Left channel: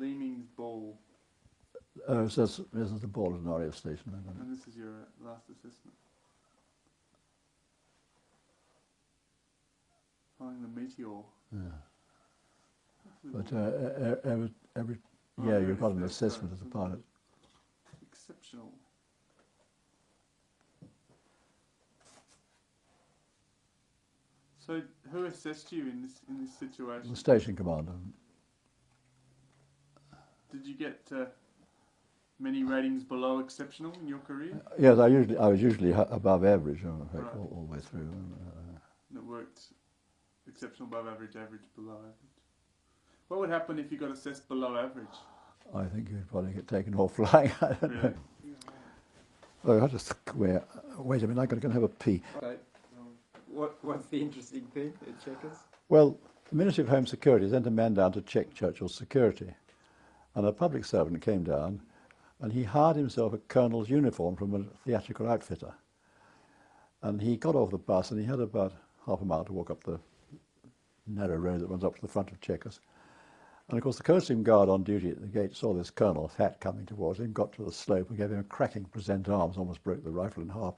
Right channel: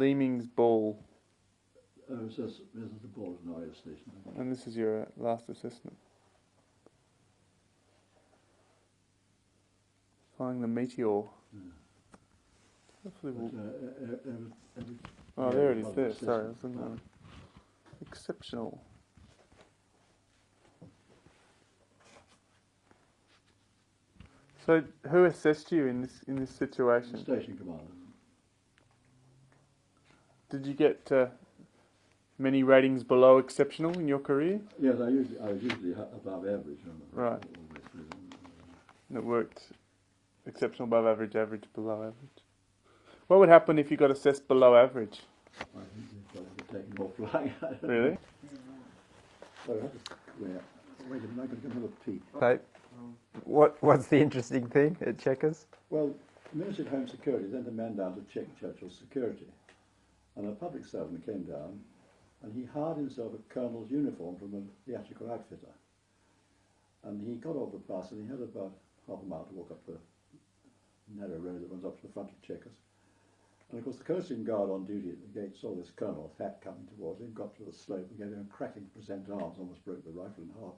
Leeming's Ball. Oh, so this is the ball at an RAF station. And this is your last assessment. Flying the Meteor. Yeah. Hopefully But every oh, yeah, there you're it is part of an there. Sorry, assessment as a pilot. Exceptional. So, who assessed you in this situation? The station commander. Did you get many ratings below exceptional in your career? Yes, I was usually above average Right. all the way through. And it worked exceptional, above average, average, below average. What would happen if you got assessed below average? I think you'd probably get taken off flying. Really? Oh, I just wait a minute. I'm going to have a pee. Right. What's the interesting thing at Chequers? Well, the Ministry of Home Security sent a man down to check Churchill's security, and a public servant came down, and he hired himself a colonel's uniform from a theatrical outfitter. And he got off the bus, and he had about half a mile to walk up the narrow road that runs up to the front of Chequers. And of course the coasting guard on duty at the gate saw this colonel's hat coming towards him, got to the slope and gave him a cracking present arms, almost broke the rifle in half.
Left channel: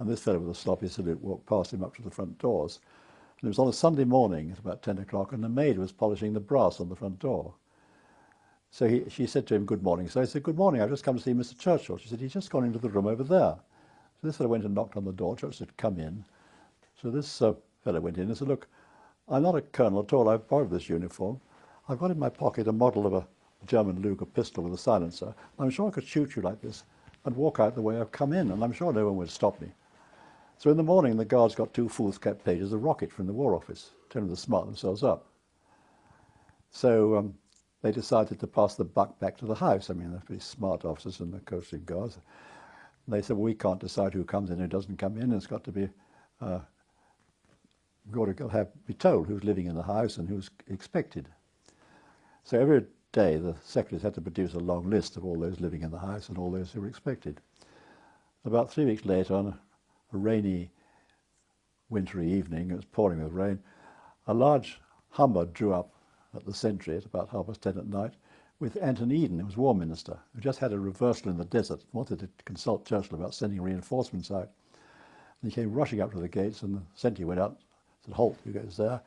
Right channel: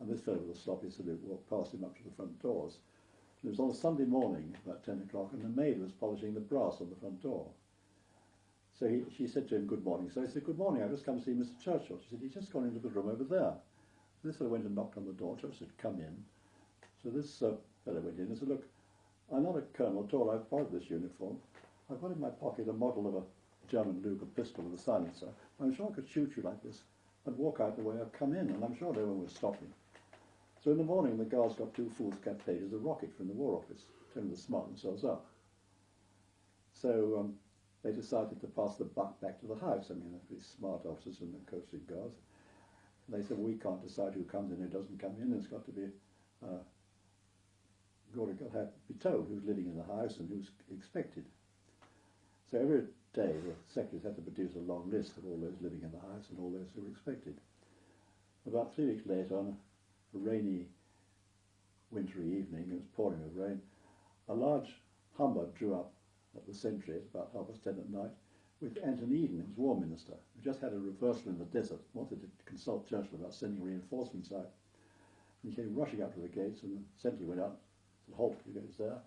And this fellow with a sloppy salute walked past him up to the front doors. And it was on a Sunday morning at about 10 o'clock, and the maid was polishing the brass on the front door. So she said to him, "Good morning." So he said, "Good morning, I've just come to see Mr. Churchill." She said, "He's just gone into the room over there." So this fellow went and knocked on the door. Churchill said, "Come in." So this fellow went in and said, "Look, I'm not a colonel at all. I've borrowed this uniform. I've got in my pocket a model of a German Luger pistol with a silencer. I'm sure I could shoot you like this and walk out the way I've come in, and I'm sure no one would stop me." So in the morning, the guards got 2 foolscap pages of rocket from the War Office, telling them to smart themselves up. So they decided to pass the buck back to the house. I mean, they're pretty smart officers and the coasting guards. And they said, "Well, we can't decide who comes in and who doesn't come in. It's got to be, we've got to be told who's living in the house and who's expected." So every day the secretaries had to produce a long list of all those living in the house and all those who were expected. About 3 weeks later, on a rainy, wintry evening, it was pouring with rain, a large Hummer drew up at the sentry at about 10:30 at night with Anton Eden, who was War Minister, who just had a reversal in the desert, wanted to consult Churchill about sending reinforcements out. And he came rushing up to the gates, and the sentry went out, said, "Halt, who goes there?"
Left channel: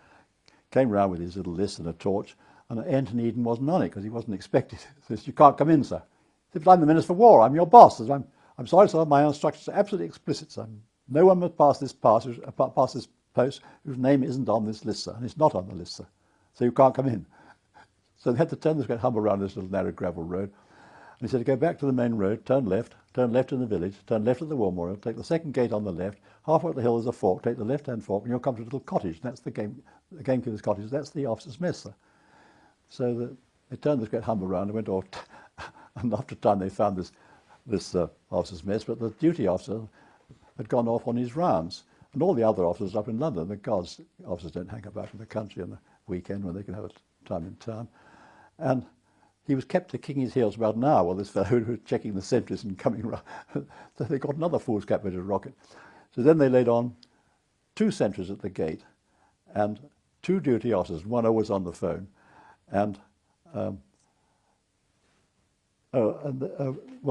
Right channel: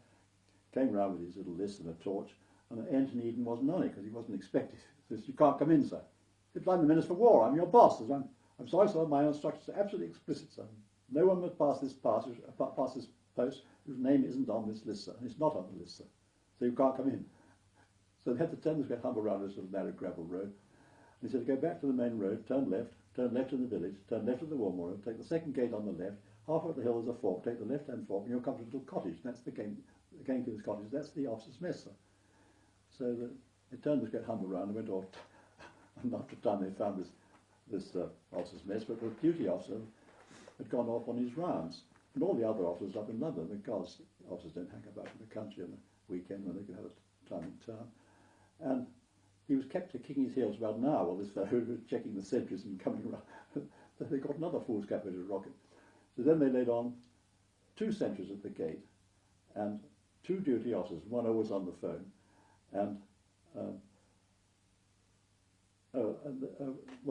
Came round with his little list and a torch, and Anton Eden wasn't on it because he wasn't expected. He says, "You can't come in, sir." He said, "But I'm the Minister for War, I'm your boss." He says, I'm sorry, sir, my instructions are absolutely explicit, sir. No one must pass this post whose name isn't on this list, sir, and it's not on the list, sir. So you can't come in. So they had to turn this great Hummer around this little narrow gravel road. And he said, "Go back to the main road, turn left in the village, turn left at the War Memorial, take the second gate on the left, halfway up the hill is a fork, take the left-hand fork, and you'll come to a little cottage. And that's the gamekeeper's cottage. That's the officer's mess, sir." So they turned this great Hummer around and went off. And after a time they found this officer's mess, but the duty officer had gone off on his rounds. And all the other officers up in London, the guards officers don't hang about in the country on the weekend when they can have a time in town. And he was kept to kicking his heels about an hour while this fellow who was checking the sentries and coming round. So they got another foolscap bit of rocket. So then they laid on 2 sentries at the gate and 2 duty officers, one always on the phone. And well,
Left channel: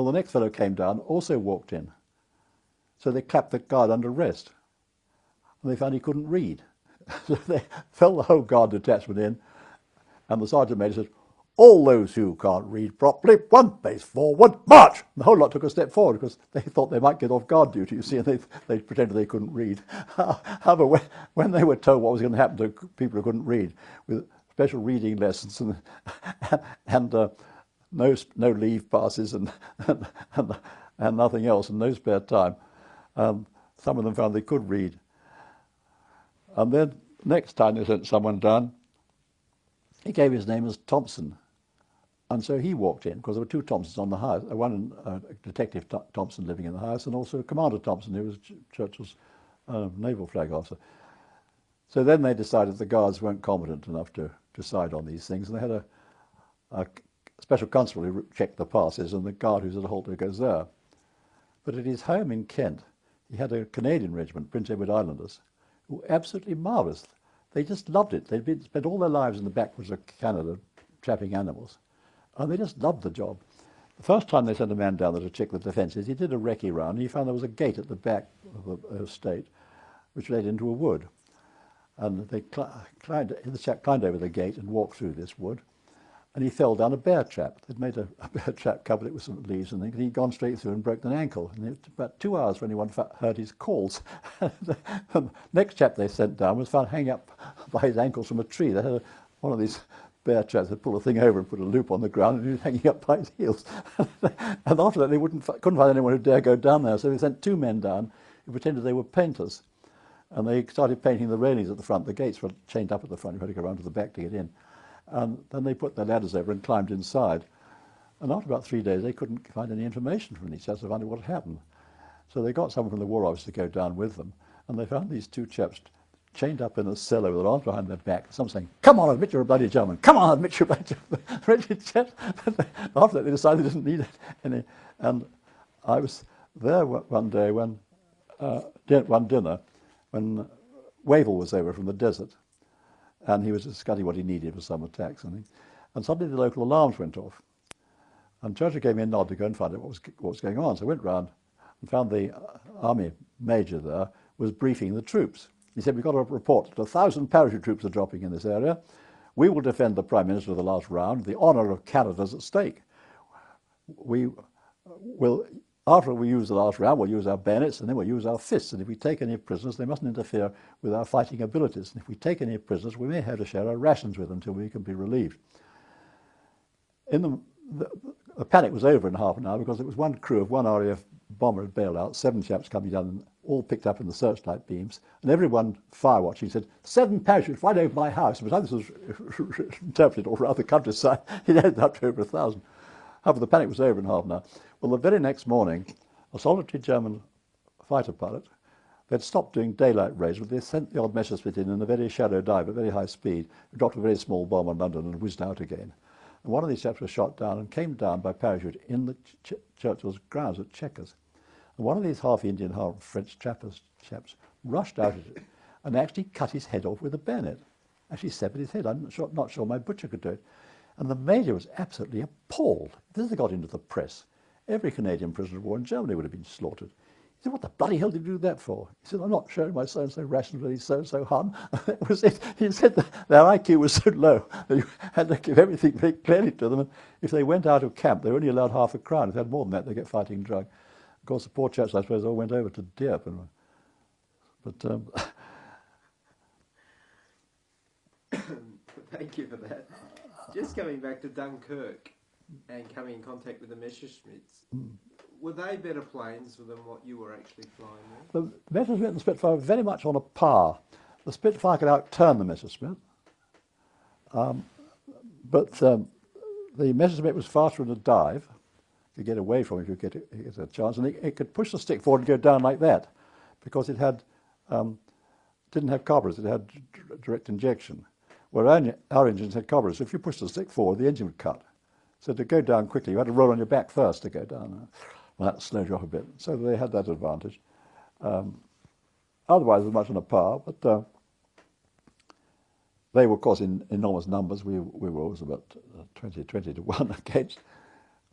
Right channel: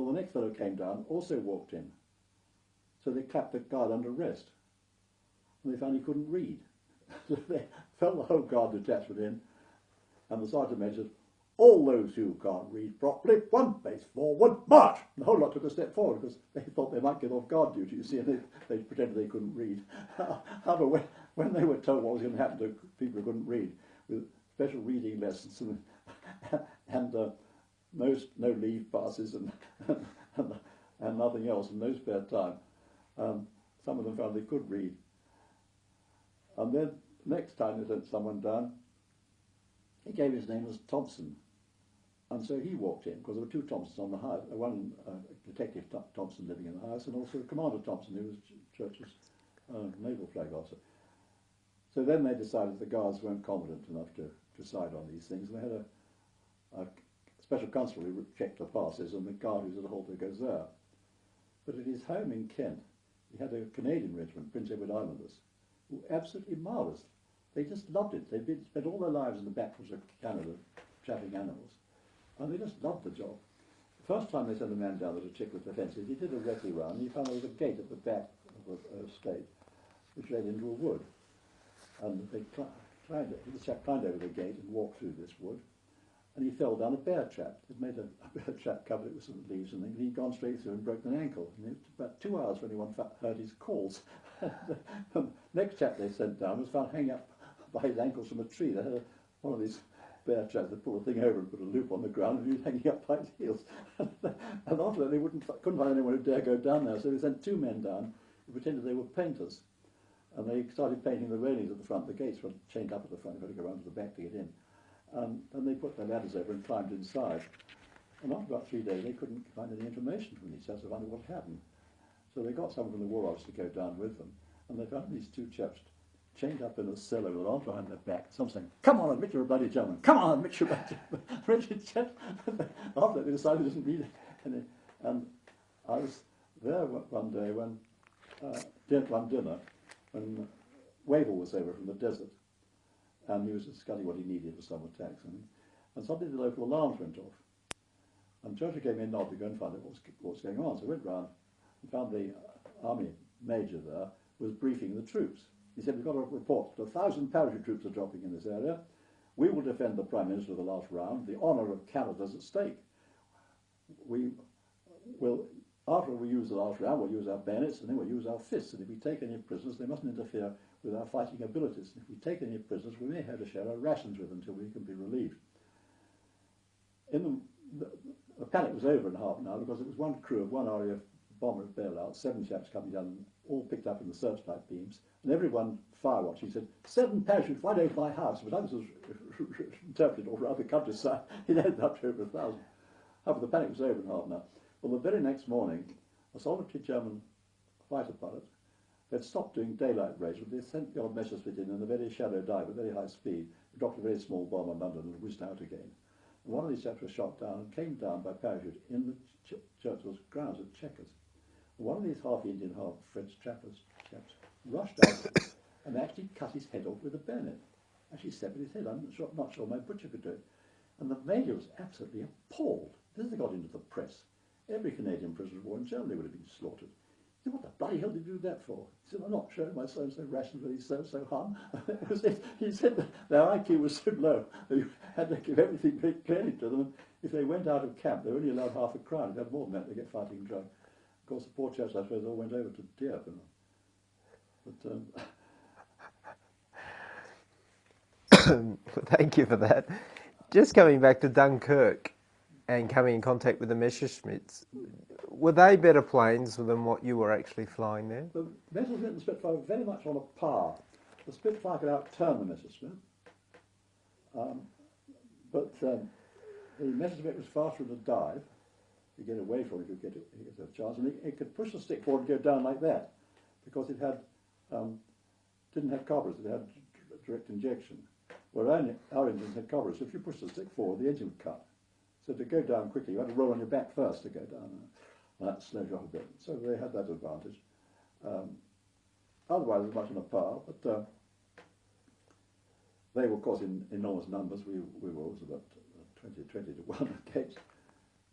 the next fellow came down, also walked in. So they clapped the guard under arrest. And they found he couldn't read. So they fell the whole guard detachment in, and the sergeant major said, "All those who can't read properly, 1 pace forward, march!" And the whole lot took a step forward because they thought they might get off guard duty, you see, and they pretended they couldn't read. However, when they were told what was going to happen to people who couldn't read, with special reading lessons and no leave passes and nothing else, and no spare time, some of them found they could read. And then next time they sent someone down, he gave his name as Thompson. And so he walked in, because there were 2 Thompsons on the house, one Detective Thompson living in the house, and also Commander Thompson, who was Churchill's naval flag officer. So then they decided the guards weren't competent enough to decide on these things, and they had a special constable who checked the passes, and the guard who's at a halt goes there. But at his home in Kent, he had a Canadian regiment, Prince Edward Islanders, who were absolutely marvellous. They just loved it. They'd spent all their lives in the backwoods of Canada trapping animals. and they just loved the job. The first time they sent a man down there to check the defences, he did a recce round, and he found there was a gate at the back of the estate which led into a wood. And they the chap climbed over the gate and walked through this wood, and he fell down a bear trap. They'd made a bear trap, covered it with some leaves and things, and he'd gone straight through and broken an ankle. And it took about 2 hours for anyone heard his calls. The next chap they sent down was found hanging up by his ankles from a tree. They had one of these bear traps that pull a thing over and put a loop on the ground, and he was hanging up by his heels. And after that, they couldn't find anyone who dare go down there, so they sent 2 men down who pretended they were painters. And they started painting the railings at the front. The gates were chained up at the front. You had to go around to the back to get in. And then they put their ladders over and climbed inside. And after about 3 days, they couldn't find any information from each other to find out what had happened. So they got someone from the War Office to go down with them. And they found these 2 chaps chained up in a cellar with their arms behind their back. Some saying, "Come on, admit you're a bloody German. Come on, admit you're a bloody German." Wretched chaps. After that, they decided they didn't need any. And I was there one day when, one dinner, when Wavell was over from the desert, and he was discussing what he needed for some attacks, and suddenly the local alarms went off. And Churchill gave me a nod to go and find out what was going on. So I went round and found the army major there was briefing the troops. He said, "We've got a report that 1,000 parachute troops are dropping in this area. We will defend the Prime Minister of the last round. The honour of Canada's at stake. We will, after we use the last round, we'll use our bayonets and then we'll use our fists. And if we take any prisoners, they mustn't interfere with our fighting abilities. And if we take any prisoners, we may have to share our rations with them until we can be relieved." The panic was over in half an hour because it was one crew of one RAF bomber had bailed out, 7 chaps coming down, all picked up in the searchlight beams, and everyone fire watching said, "7 parachutes right over my house." But this was interpreted all around the countryside. It ended up to over 1,000. However, the panic was over in half an hour. Well, the very next morning, a solitary German fighter pilot, they'd stopped doing daylight raids, but they sent the odd Messerschmitt in a very shallow dive at very high speed, dropped a very small bomb on London and whizzed out again. And one of these chaps was shot down and came down by parachute in the Churchill's grounds at Chequers. And one of these half-Indian, half-French chaps rushed out of it and actually cut his head off with a bayonet. Actually severed his head. I'm not sure my butcher could do it. And the major was absolutely appalled. This had got into the press. Every Canadian prisoner of war in Germany would have been slaughtered. He said, "What the bloody hell did you do that for?" He said, "I'm not sharing my so-and-so rations with his so-and-so Hun." That was it. He said that their IQ was so low that you had to give everything very clearly to them. And if they went out of camp, they were only allowed half a crown. If they had more than that, they get fighting drug. Of course, the poor chaps, I suppose, all went over to Dieppe. But Thank you for that. Just coming back to Dunkirk and coming in contact with the Messerschmitts, were they better planes than what you were actually flying there? the Messerschmitt and the Spitfire were very much on a par. The Spitfire could outturn the Messerschmitt, but the Messerschmitt was faster in a dive. You get away from it, you get a chance, and it could push the stick forward and go down like that, because it had didn't have carburetors, it had direct injection. Where our engines had carburetors. If you pushed the stick forward, the engine would cut. So to go down quickly, you had to roll on your back first to go down. Well, that slowed you off a bit. So they had that advantage. Otherwise, it was much on a par, but they were, of course, in enormous numbers. We were always about 20 to 1 against.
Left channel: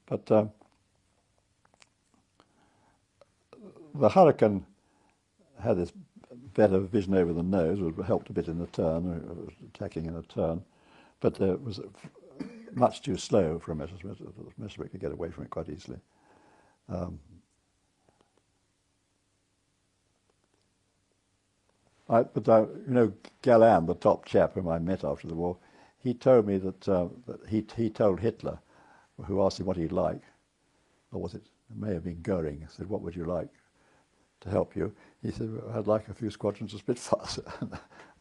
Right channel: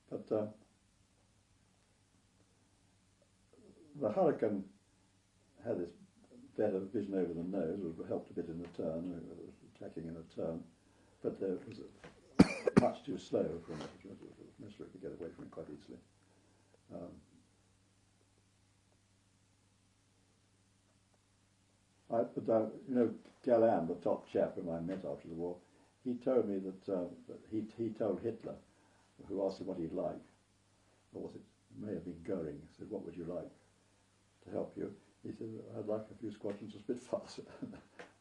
But the Hurricane had this better vision over the nose, which helped a bit in the turn, attacking in a turn, but it was much too slow for a Messerschmitt. The Messerschmitt could get away from it quite easily. Galland, the top chap whom I met after the war, he told me that he told Hitler, who asked him what he'd like, or was it may have been Goering, said, "What would you like to help you?" He said, "I'd like a few squadrons of Spitfires."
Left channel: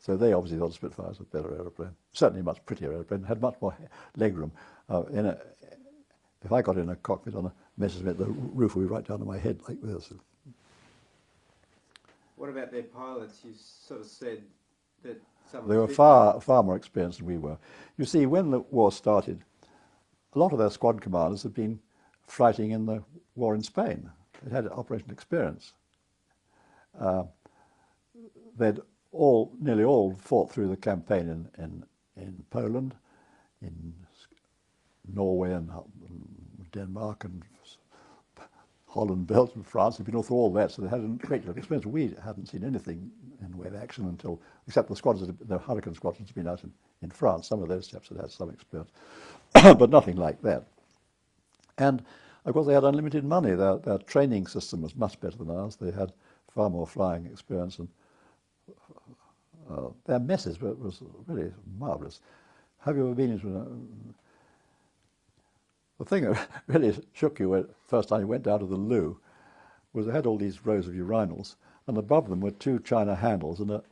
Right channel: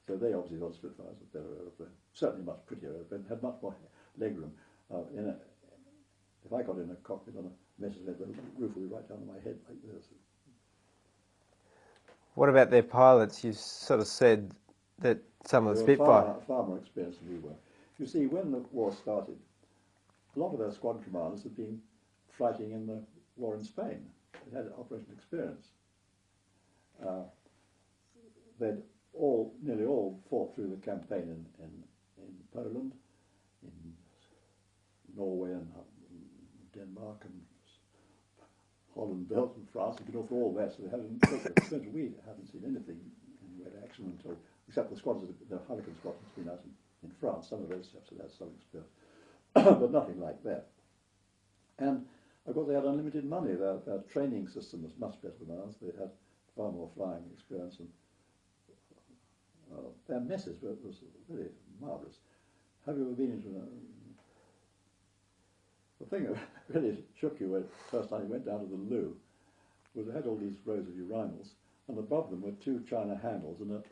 So they obviously thought Spitfires were a better aeroplane, certainly a much prettier aeroplane, had much more legroom. If I got in a cockpit on a Messerschmitt, the roof would be right down to my head like this. What about their pilots? You sort of said that some of They the were Spitfires... far more experienced than we were. You see, when the war started, a lot of their squad commanders had been fighting in the war in Spain. They'd had operational experience. They'd nearly all fought through the campaign in Poland, in Norway and Denmark and Holland, Belgium, France. They'd been all through all that, so they had a great experience. We hadn't seen anything in the way of action until, except the squadrons, the Hurricane squadrons had been out in France. Some of those chaps had had some experience, but nothing like that. And of course, they had unlimited money. Their training system was much better than ours. They had far more flying experience, and their message was really marvellous. Have you ever been into the thing that really shook you when first time you went down to the loo was they had all these rows of urinals, and above them were two china handles and a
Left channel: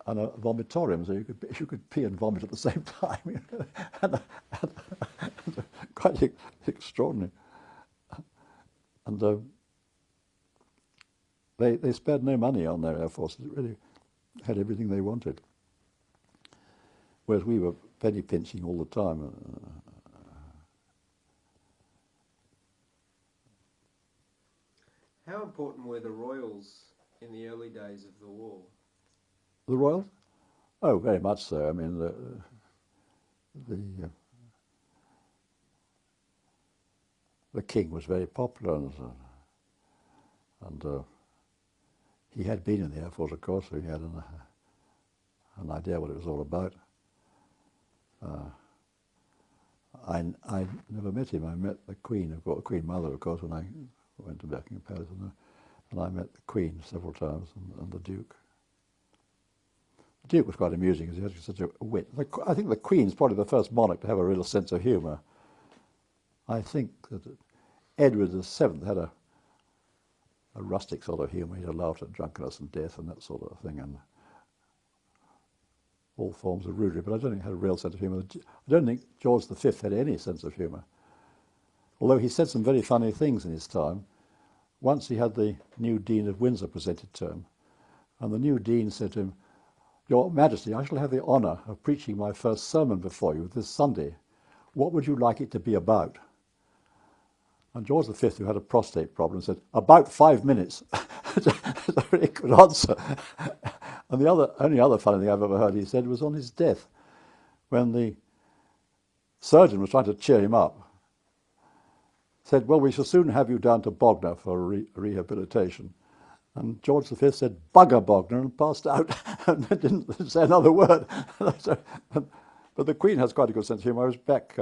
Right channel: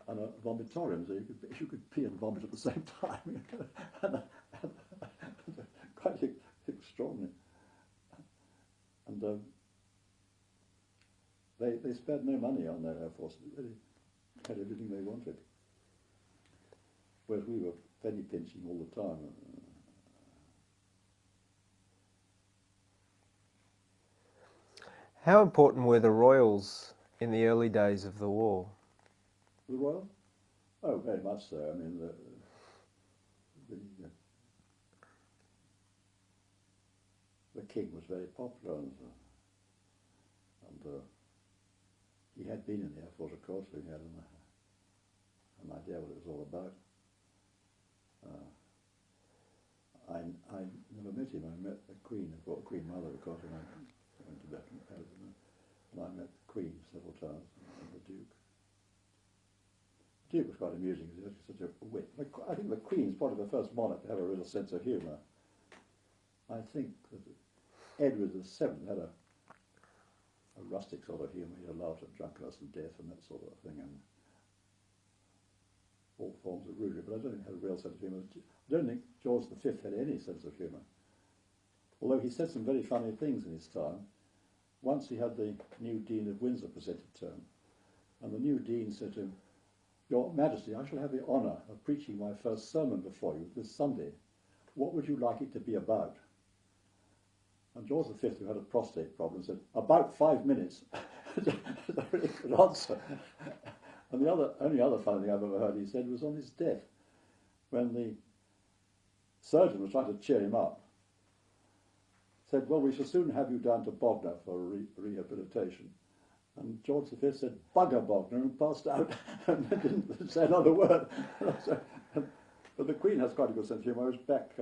vomitorium, so you could pee and vomit at the same time. and quite extraordinary. And they spared no money on their Air Force. It really had everything they wanted. Whereas we were penny pinching all the time. How important were the Royals in the early days of the war? The Royals? Oh, very much so. I mean, the King was very popular, and he had been in the Air Force, of course, so he had an idea what it was all about. I never met him. I met the Queen, the Queen Mother, of course, when I went to Buckingham Palace, and I met the Queen several times, and the Duke. The Duke was quite amusing because he had such a wit. I think the Queen's probably the first monarch to have a real sense of humour. I think that Edward VII had a rustic sort of humour. He laughed at drunkenness and death and that sort of thing, and all forms of rudery, but I don't think he had a real sense of humour. I don't think George V had any sense of humour, although he said some very funny things in his time. Once he had the new Dean of Windsor presented to him, and the new Dean said to him, "Your Majesty, I shall have the honour of preaching my first sermon before you this Sunday. What would you like it to be about?" And George V, who had a prostate problem, said, "About 5 minutes." It's a really good answer. And the only other funny thing I've ever heard he said was on his death, when the surgeon was trying to cheer him up, said, "Well, we shall soon have you down to Bognor for rehabilitation." And George V said, "Bugger Bognor," and passed out and didn't say another word. But the Queen has quite a good sense of humour. I was back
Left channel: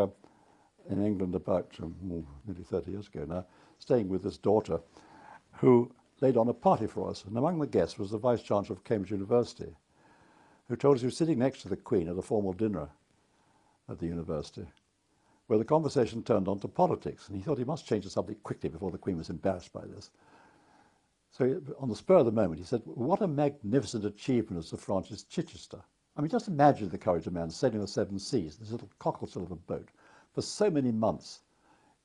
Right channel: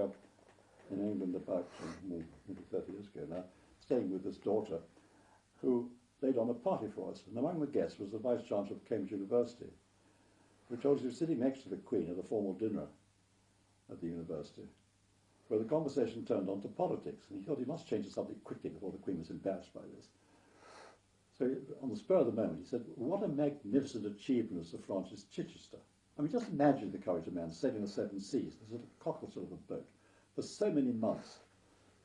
in England about nearly 30 years ago now, staying with this daughter who laid on a party for us. And among the guests was the Vice-Chancellor of Cambridge University, who told us he was sitting next to the Queen at a formal dinner at the university, where the conversation turned on to politics, and he thought he must change the subject quickly before the Queen was embarrassed by this. So on the spur of the moment, he said, "What a magnificent achievement of Sir Francis Chichester. I mean, just imagine the courage of man sailing the seven seas, this little cockle-shell of a boat, for so many months,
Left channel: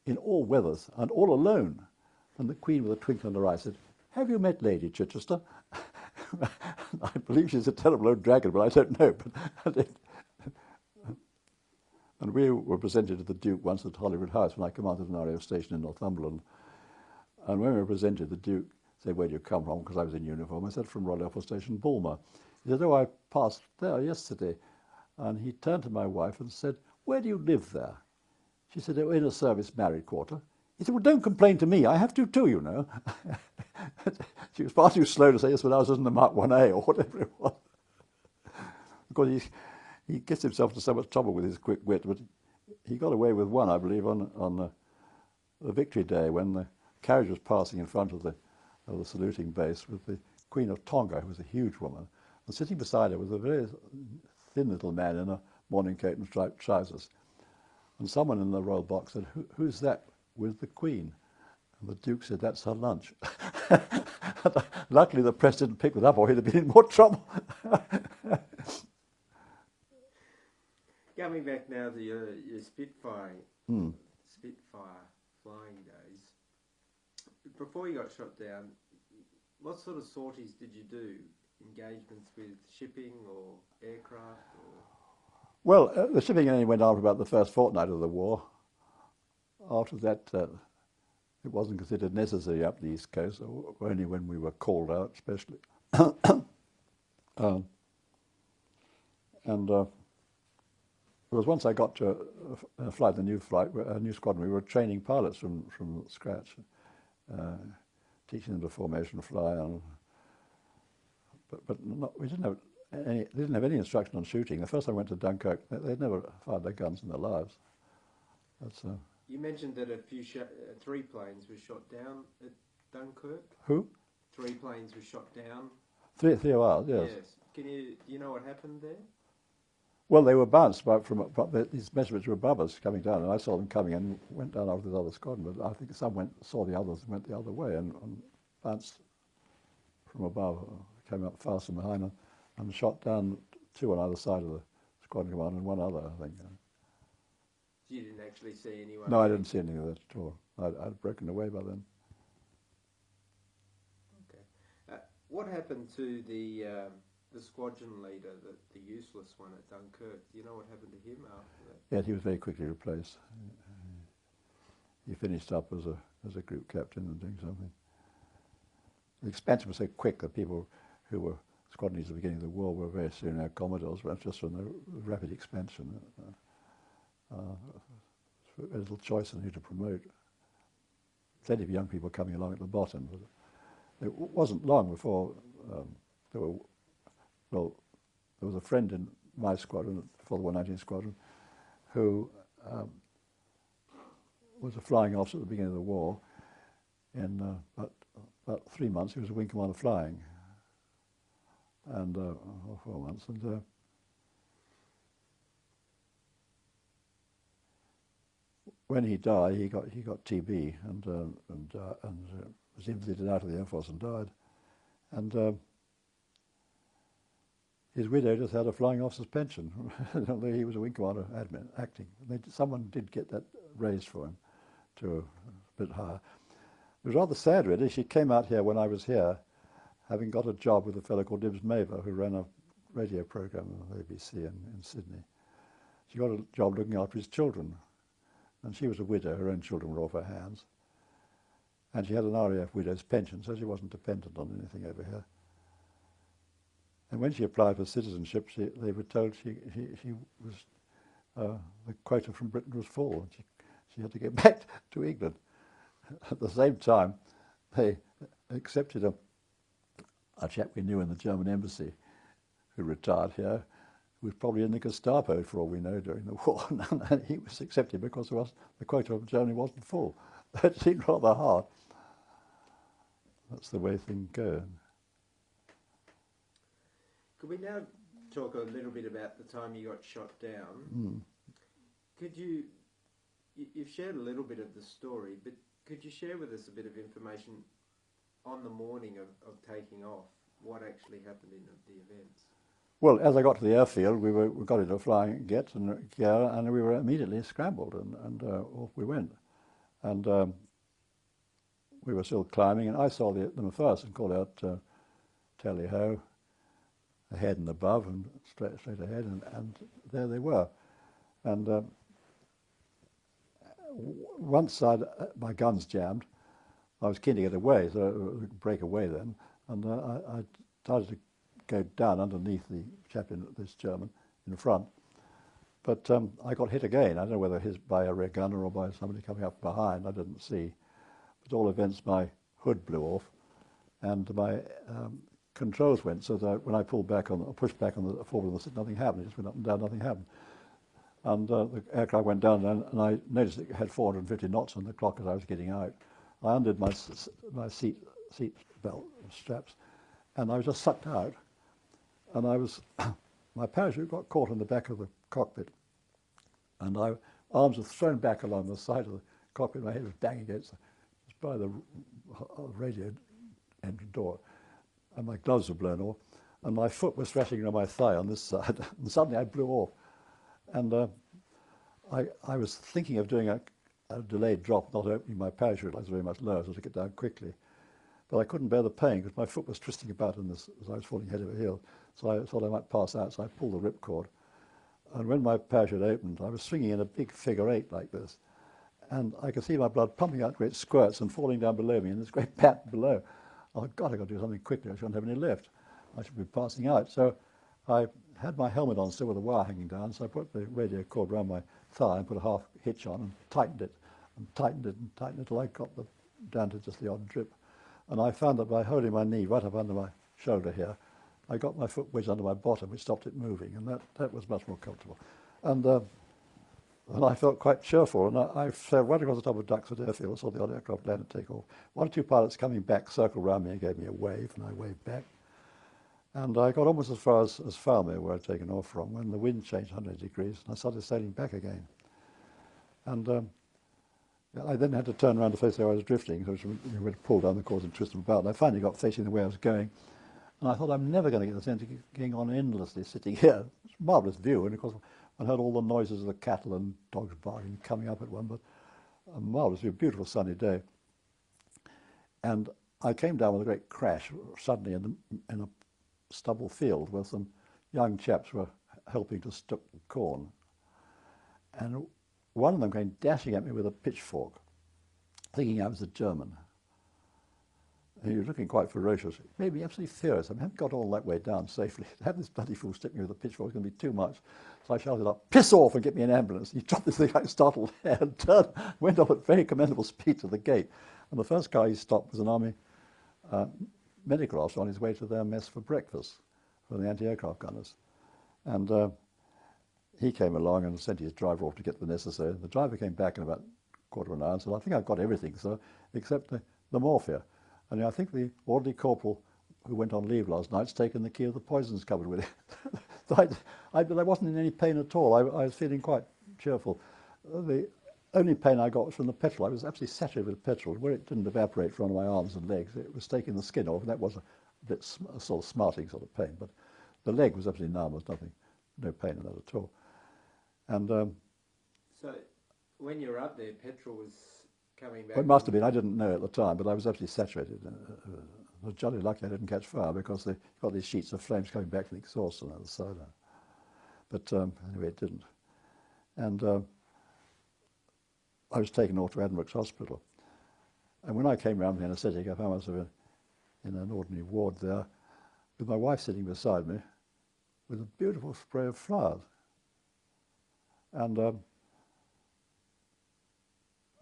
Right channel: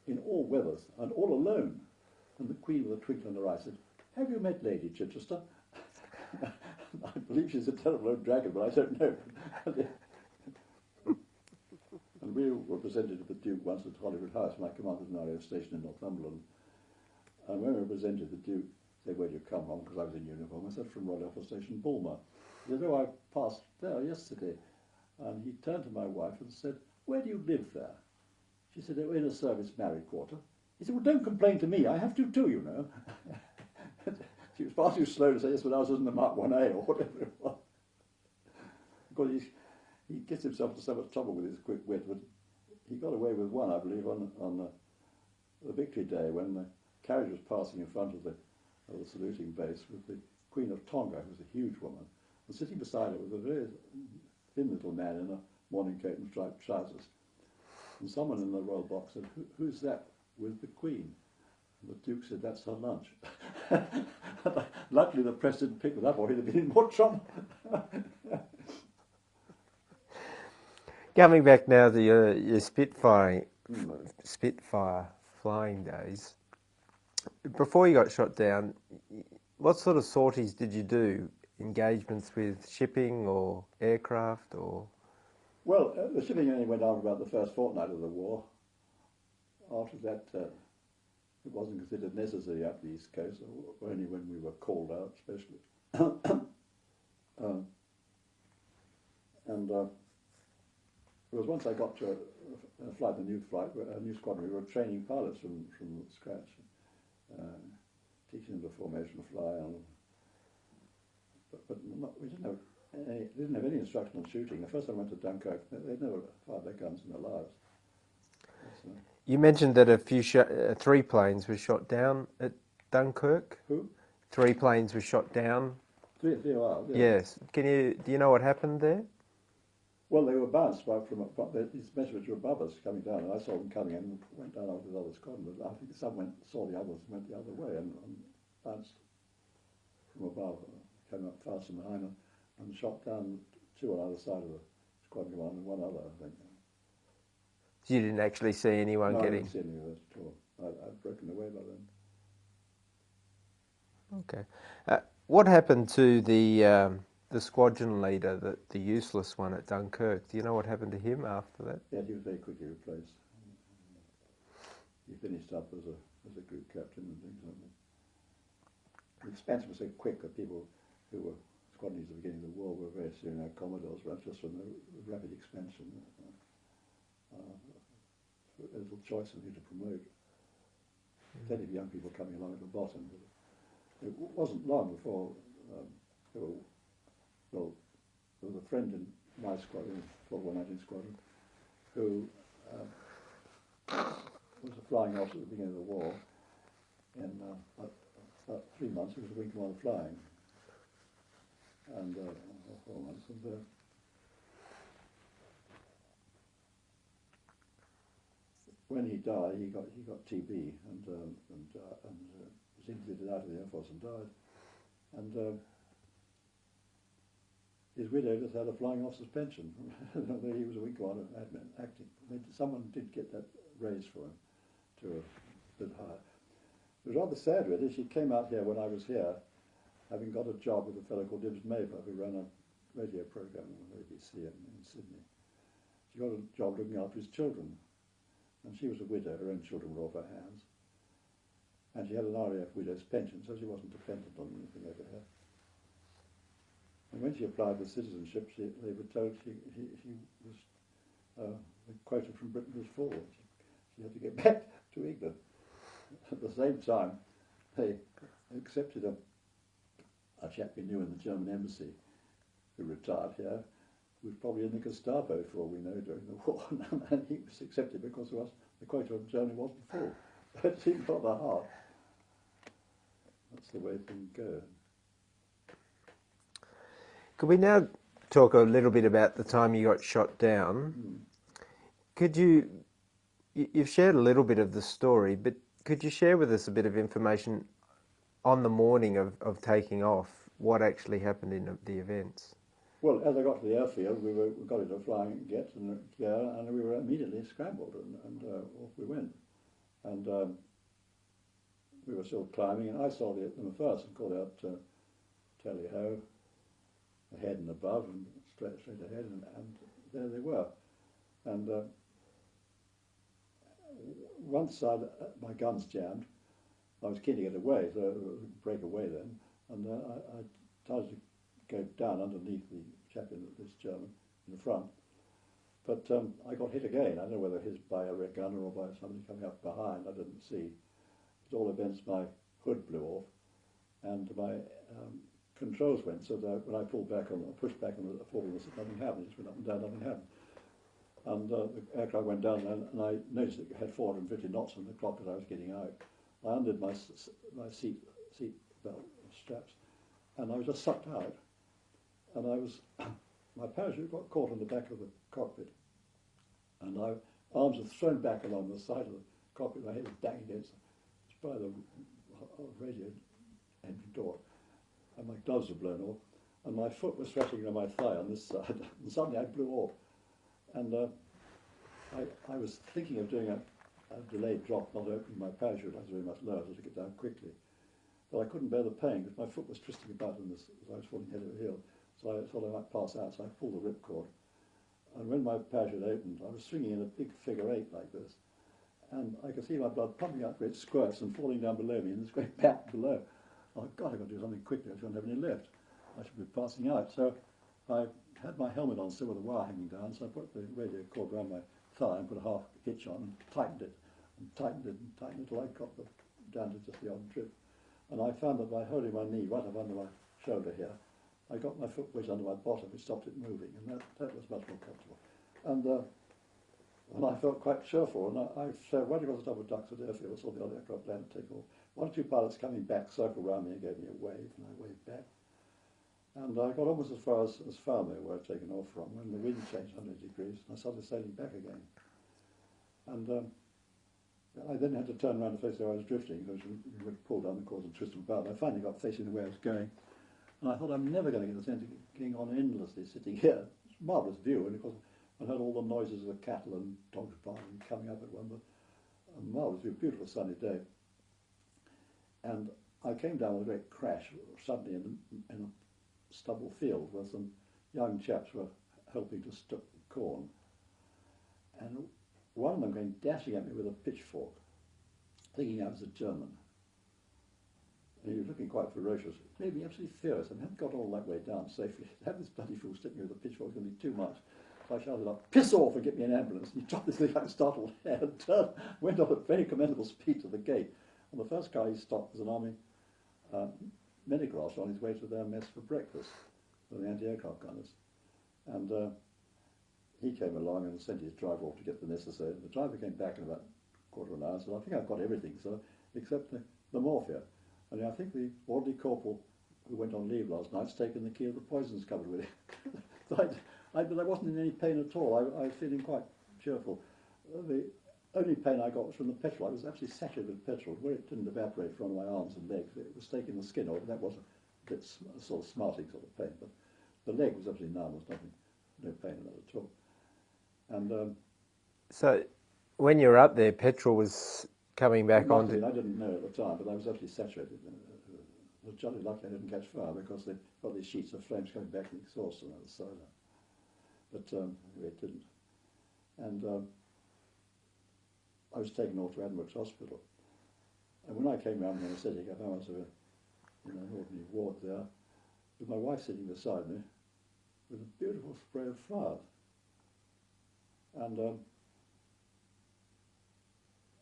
in all weathers, and all alone." And the Queen, with a twinkle in her eye, said, "Have you met Lady Chichester?" I believe she's a terrible old dragon, but I don't know. And we were presented to the Duke once at Holyrood House when I commanded an RAF station in Northumberland. And when we were presented, the Duke said, "Where do you come from?" Because I was in uniform. I said, "From Royal Air Force Station, Bulmer." He said, "Oh, I passed there yesterday." And he turned to my wife and said, "Where do you live there?" She said, "Oh, in a service married quarter." He said, "Well, don't complain to me. I have to too, you know." She was far too slow to say, "Yes, when I was in the Mark 1A," or whatever it was. Of course, he gets himself into so much trouble with his quick wit, but he got away with one, I believe, on the Victory Day, when the carriage was passing in front of the saluting base with the Queen of Tonga, who was a huge woman, and sitting beside her was a very thin little man in a morning coat and striped trousers. And someone in the royal box said, "Who's that with the Queen?" And the Duke said, "That's her lunch." Luckily the press didn't pick it up, or he'd have been in more trouble. Coming back now to your Spitfire flying days, before you got shot down, what sort of sorties did you do? Engagements with shipping or aircraft or? Well, the shipping only went on for about the first fortnight of the war. After that, it wasn't considered necessary up the East Coast, or only when we were called out, especially. was once I got to a flight, a new squadron. We were training pilots from scratch, teaching them to formation fly, but we didn't have any instruction on shooting. The first time I went to Dunkirk, they'd never fired their guns in their lives. You mentioned that three planes were shot down at Dunkirk. Who? 3 planes were shot down. Three of ours, yes. Yes. Do you know what happened there? Well, they were bounced these measurements were above us coming down, and I saw them coming and went down over the other squadron. But I think some saw the others and went the other way and bounced from above, came up fast from behind and shot down 2 on either side of the squadron command and 1 other, I think. You didn't actually see anyone No, getting... I didn't see any of that at all. I'd broken away by then. Okay. What happened to the squadron leader, the useless one at Dunkirk? Do you know what happened to him after that? Yeah, he was very quickly replaced. He finished up as a group captain and doing something. The expansion was so quick that people who were squadrons at the beginning of the war were very soon our Commodores, but just from the rapid expansion. A little choice on who to promote. Plenty of young people coming along at the bottom, but it wasn't long before there was a friend in my squadron, for the 119 Squadron, who was a flying officer at the beginning of the war. In about 3 months, he was a wing commander flying, and 4 months, and when he died, he got TB and was invalidated out of the Air Force and died. And his widow just had a flying officer's pension, although he was a wing commander acting. Someone did get that raised for him to a bit higher. It was rather sad, really. She came out here when I was here, having got a job with a fellow called Dibs Maver, who ran a radio program on the ABC in Sydney. She got a job looking after his children. And she was a widow, her own children were off her hands. And she had an RAF widow's pension, so she wasn't dependent on anything over here. And when she applied for citizenship, they were told the quota from Britain was full, and she had to get back to England. At the same time, they accepted a chap we knew in the German embassy who retired here, who was probably in the Gestapo for all we know during the war, and he was accepted because the quota of Germany wasn't full. That seemed rather hard. That's the way things go. Could we now talk a little bit about the time you got shot down? Could you've shared a little bit of the story, but could you share with us a bit of information on the morning of taking off, what actually happened in the events? Well, as I got to the airfield, we got into a flying jet and gear, and we were immediately scrambled, and off we went. And we were still climbing, and I saw them first and called out, tally ho, ahead and above, and straight ahead, and there they were. And once my guns jammed, I was keen to get away, so we could break away then, and I started to go down underneath the chap this German in front, but I got hit again. I don't know whether by a rear gunner or by somebody coming up behind. I didn't see. At all events, my hood blew off, and my controls went. So that when I pushed back on the forward, nothing happened. It just went up and down. Nothing happened. And the aircraft went down, and I noticed it had 450 knots on the clock as I was getting out. I undid my seat belt straps, and I was just sucked out. And my parachute got caught on the back of the cockpit, and my arms were thrown back along the side of the cockpit. My head was banging against by the radio engine door, and my gloves were blown off, and my foot was thrashing on my thigh on this side, and suddenly I blew off. And I was thinking of doing a delayed drop, not opening my parachute. I was very much lower, so to get down quickly. But I couldn't bear the pain because my foot was twisting about in this as I was falling head over heels. So I thought I might pass out, so I pulled the ripcord. And when my parachute opened, I was swinging in a big figure 8 like this. And I could see my blood pumping out great squirts and falling down below me in this great pat below. Oh, God, I've got to do something quickly. I shouldn't have any left. I should be passing out. So I had my helmet on still with the wire hanging down, so I put the radio cord around my thigh and put a half hitch on and tightened it and tightened it and tightened it till I got down to just the odd drip. And I found that by holding my knee right up under my shoulder here, I got my foot wedged under my bottom, which stopped it moving, and that was much more comfortable. And I felt quite cheerful, and I sailed right across the top of Duxford Airfield, saw the odd aircraft land and take off. One or two pilots coming back circled around me and gave me a wave, and I waved back. And I got almost as far as Falmere, where I'd taken off from, when the wind changed 100 degrees, and I started sailing back again. And I then had to turn around to face where I was drifting, so we would pull down the course and twist them about. And I finally got facing the way I was going. And I thought, I'm never going to get the sense of going on endlessly sitting here. It's a marvellous view, and of course I heard all the noises of the cattle and dogs barking coming up at one, but a marvellous view, beautiful sunny day. And I came down with a great crash suddenly in a stubble field where some young chaps were helping to stook corn. And one of them came dashing at me with a pitchfork, thinking I was a German. And he was looking quite ferocious. It made me absolutely furious. I hadn't got all that way down safely. To have this bloody fool stick me with a pitchfork was going to be too much. So I shouted up, "Piss off and get me an ambulance." And he dropped this thing like a startled hare and turned, went off at very commendable speed to the gate. And the first car he stopped was an army medical officer on his way to their mess for breakfast for the anti-aircraft gunners. And he came along and sent his driver off to get the necessary. The driver came back in about a quarter of an hour and said, "I think I've got everything, sir, except the morphia. And I think the orderly corporal who went on leave last night's taken the key of the poisons cupboard with it." So I wasn't in any pain at all. I was feeling quite cheerful. The only pain I got was from the petrol. I was absolutely saturated with petrol. Where it didn't evaporate from my arms and legs, it was taking the skin off. That was a sort of smarting sort of pain. But the leg was absolutely numb. There was nothing, no pain in that at all. And So when you were up there, petrol was coming back it must on. have been. I didn't know at the time, but I was absolutely saturated. I was jolly lucky I didn't catch fire because they've got these sheets of flames coming back from the exhaust on the other side. But anyway, it didn't. And I was taken off to Admiral's Hospital. And when I came round the anaesthetic, I found myself in an ordinary ward there with my wife sitting beside me with a beautiful spray of flowers. And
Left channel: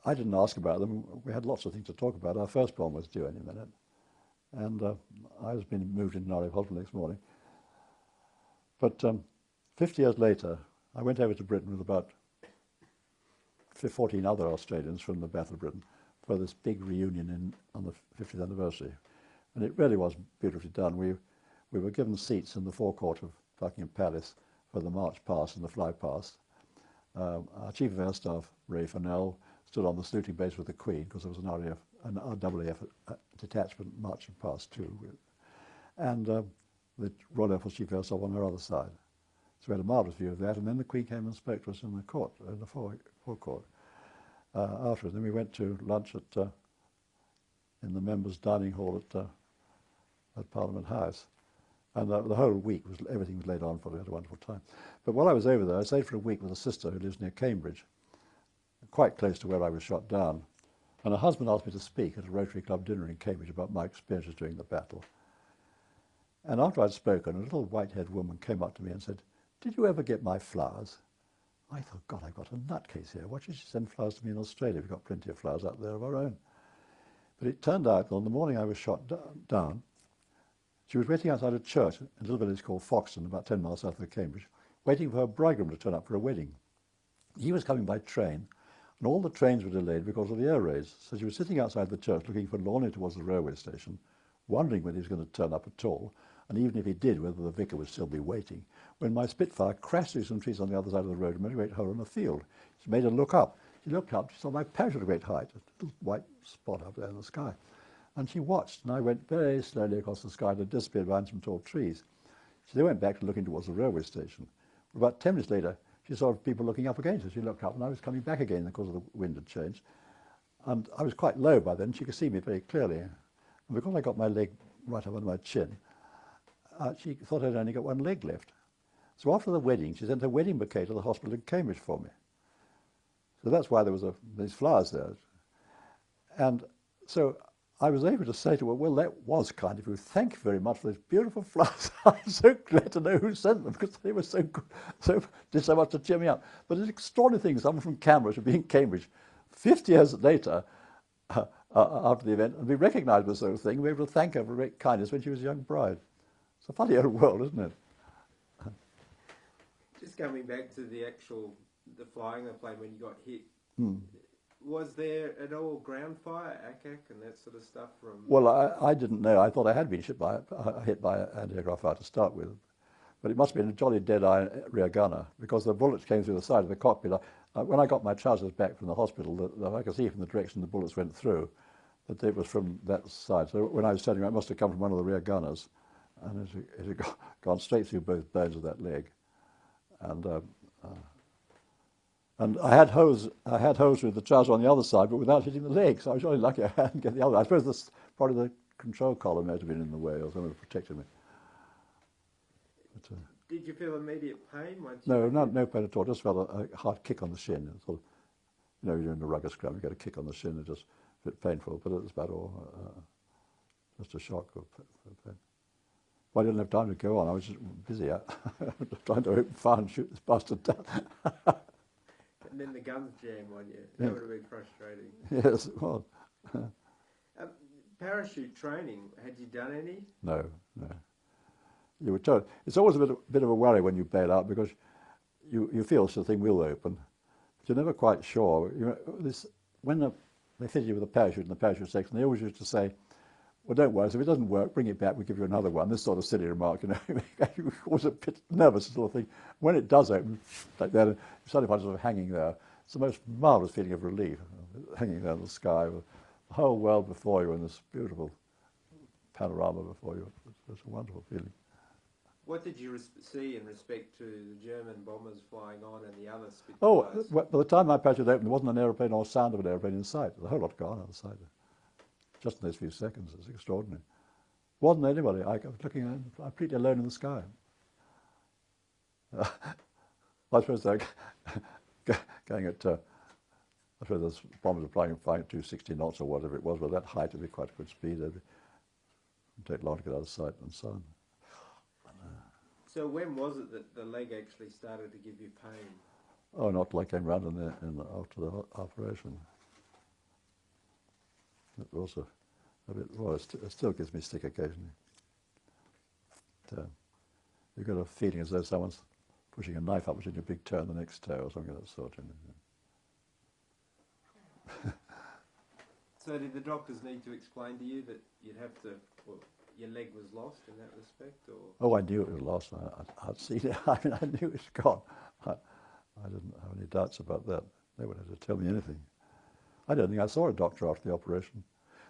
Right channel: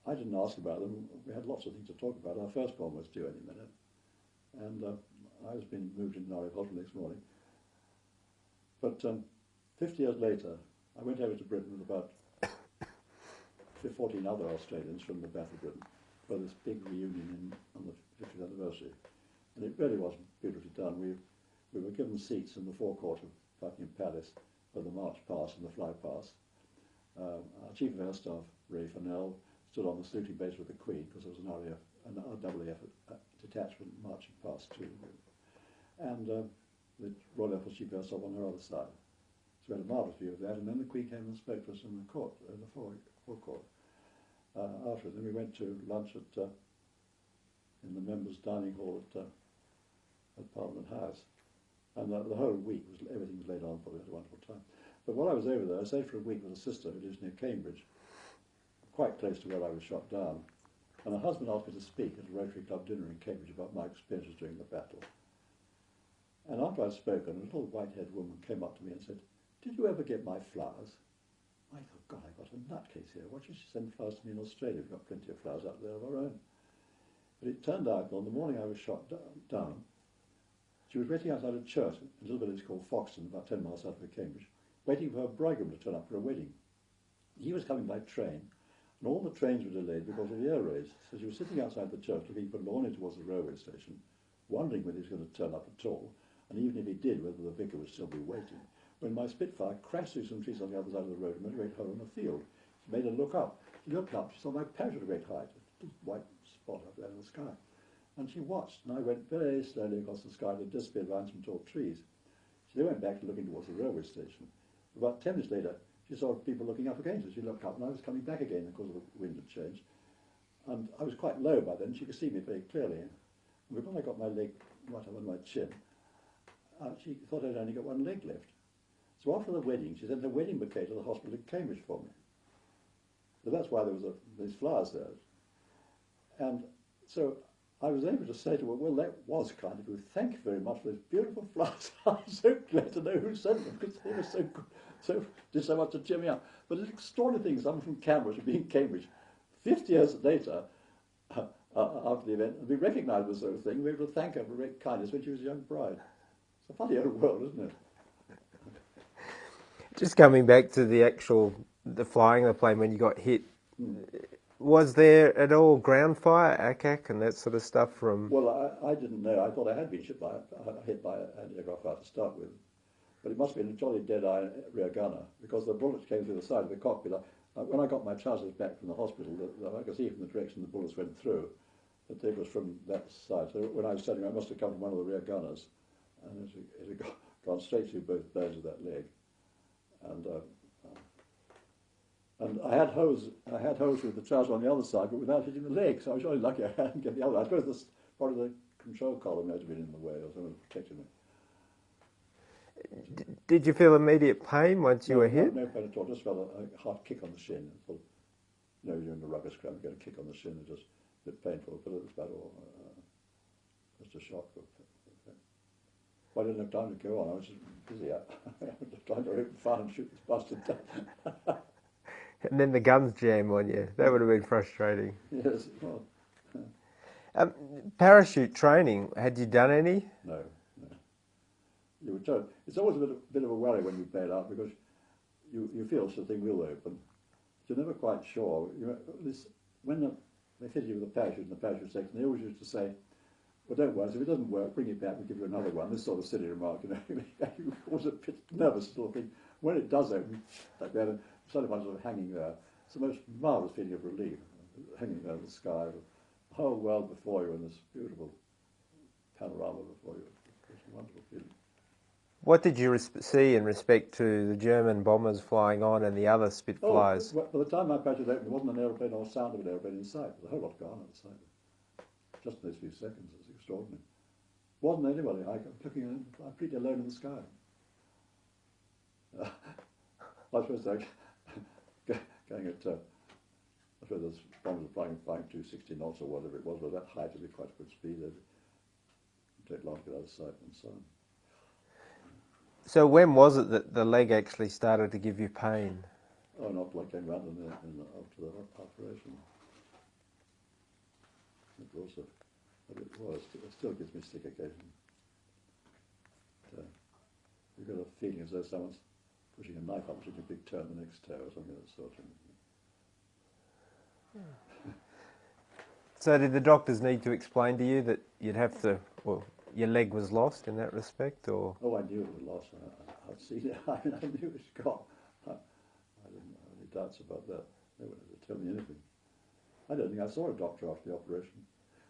I didn't ask about them. We had lots of things to talk about. Our firstborn was due any minute. And I was being moved into Norwich Hospital next morning. But 50 years later, I went over to Britain with about 14 other Australians from the Battle of Britain for this big reunion on the 50th anniversary. And it really was beautifully done. We were given seats in the forecourt of Buckingham Palace for the march past and the fly past. Our Chief of Air Staff, Ray Fennell, stood on the saluting base with the Queen because there was an RAF detachment marching past too. And the Royal Air Force Chief of Air Staff on her other side. So we had a marvellous view of that, and then the Queen came and spoke to us in the court, in the forecourt. Afterwards, then we went to lunch in the members' dining hall at Parliament House, and the whole week everything was laid on for. We had a wonderful time. But while I was over there, I stayed for a week with a sister who lives near Cambridge, quite close to where I was shot down. And her husband asked me to speak at a Rotary Club dinner in Cambridge about my experiences during the battle. And after I'd spoken, a little white-haired woman came up to me and said, "Did you ever get my flowers?" I thought, God, I've got a nutcase here. Why should she send flowers to me in Australia? We've got plenty of flowers out there of our own. But it turned out that on the morning I was shot down, she was waiting outside a church in a little village called Foxton, about 10 miles south of Cambridge, waiting for her bridegroom to turn up for a wedding. He was coming by train, and all the trains were delayed because of the air raids. So she was sitting outside the church looking forlornly towards the railway station, wondering whether he was going to turn up at all, and even if he did, whether the vicar would still be waiting, when my Spitfire crashed through some trees on the other side of the road and made a great hole in a field. She made her look up. She looked up, she saw my parachute at a great height, a little white spot up there in the sky. And she watched, and I went very slowly across the sky and disappeared behind some tall trees. She then went back to looking towards the railway station. About 10 minutes later, she saw people looking up again, so she looked up, and I was coming back again because of the wind had changed. And I was quite low by then, she could see me very clearly. And because I got my leg right up under my chin, she thought I'd only got one leg left. So after the wedding, she sent a wedding bouquet to the hospital in Cambridge for me. So that's why there was these flowers there. And so I was able to say to her, well, that was kind of you. Thank you very much for those beautiful flowers. I'm so glad to know who sent them because they were so good, did so much to cheer me up. But it's extraordinary thing, someone from Canberra to be in Cambridge 50 years later after the event and be recognised with sort of thing, and be able to thank her for great kindness when she was a young bride. It's a funny old world, isn't it? Just coming back to the flying of the plane when you got hit, was there at all ground fire, ACAC and that sort of stuff from... Well, I didn't know. I thought I had been hit by anti-aircraft fire to start with. But it must have been a jolly dead-eye rear gunner because the bullets came through the side of the cockpit. When I got my trousers back from the hospital, I could see from the direction the bullets went through that it was from that side. So when I was turning around, it must have come from one of the rear gunners. And it had gone straight through both bones of that leg. And I had hose with the trouser on the other side, but without hitting the leg. So I was really lucky I hadn't get the other. I suppose probably the control column might have been in the way or something that protected me. Did you feel immediate pain once you were hit? No pain at all. Just felt a hard kick on the shin. Sort of, you're in a rugger scrum, you get a kick on the shin, it's just a bit painful, but it was about all. Just a shock. Well, I didn't have time to go on. I was just busy trying to open fire and shoot this bastard down. And then the guns jam on you. That would have been frustrating. Yes, it was. Parachute training, had you done any? No. You were told. It's always a bit of a worry when you bail out because you feel something will open. But you're never quite sure. When they fit you with a parachute in the parachute section, they always used to say, well, don't worry, so if it doesn't work, bring it back, we'll give you another one. This sort of silly remark, you was a bit nervous sort of thing. When it does open, like that, you suddenly find yourself hanging there. It's the most marvellous feeling of relief, hanging there in the sky with the whole world before you and this beautiful panorama before you. It's a wonderful feeling. What did you see in respect to the German bombers flying on and the other Spitfires? By the time my parachute opened, there wasn't an aeroplane or sound of an aeroplane in sight. The whole lot gone on the side. Just in those few seconds, it's extraordinary. Wasn't anybody. I was looking around, completely alone in the sky. I suppose they're going at, I suppose those bombers were flying at 260 knots or whatever it was, but that height would be quite a good speed. It would take long to get out of sight and so on. So when was it that the leg actually started to give you pain? Oh, not till I came round after the operation. It also, it still gives me stick occasionally. You've got a feeling as though someone's pushing a knife upwards in your big toe in the next toe or something of that sort. So did the doctors need to explain to you that you'd have to, well, your leg was lost in that respect, or? Oh, I knew it was lost. I'd seen it. I knew it was gone. I didn't have any doubts about that. They wouldn't have to tell me anything. I don't think I saw a doctor after the operation.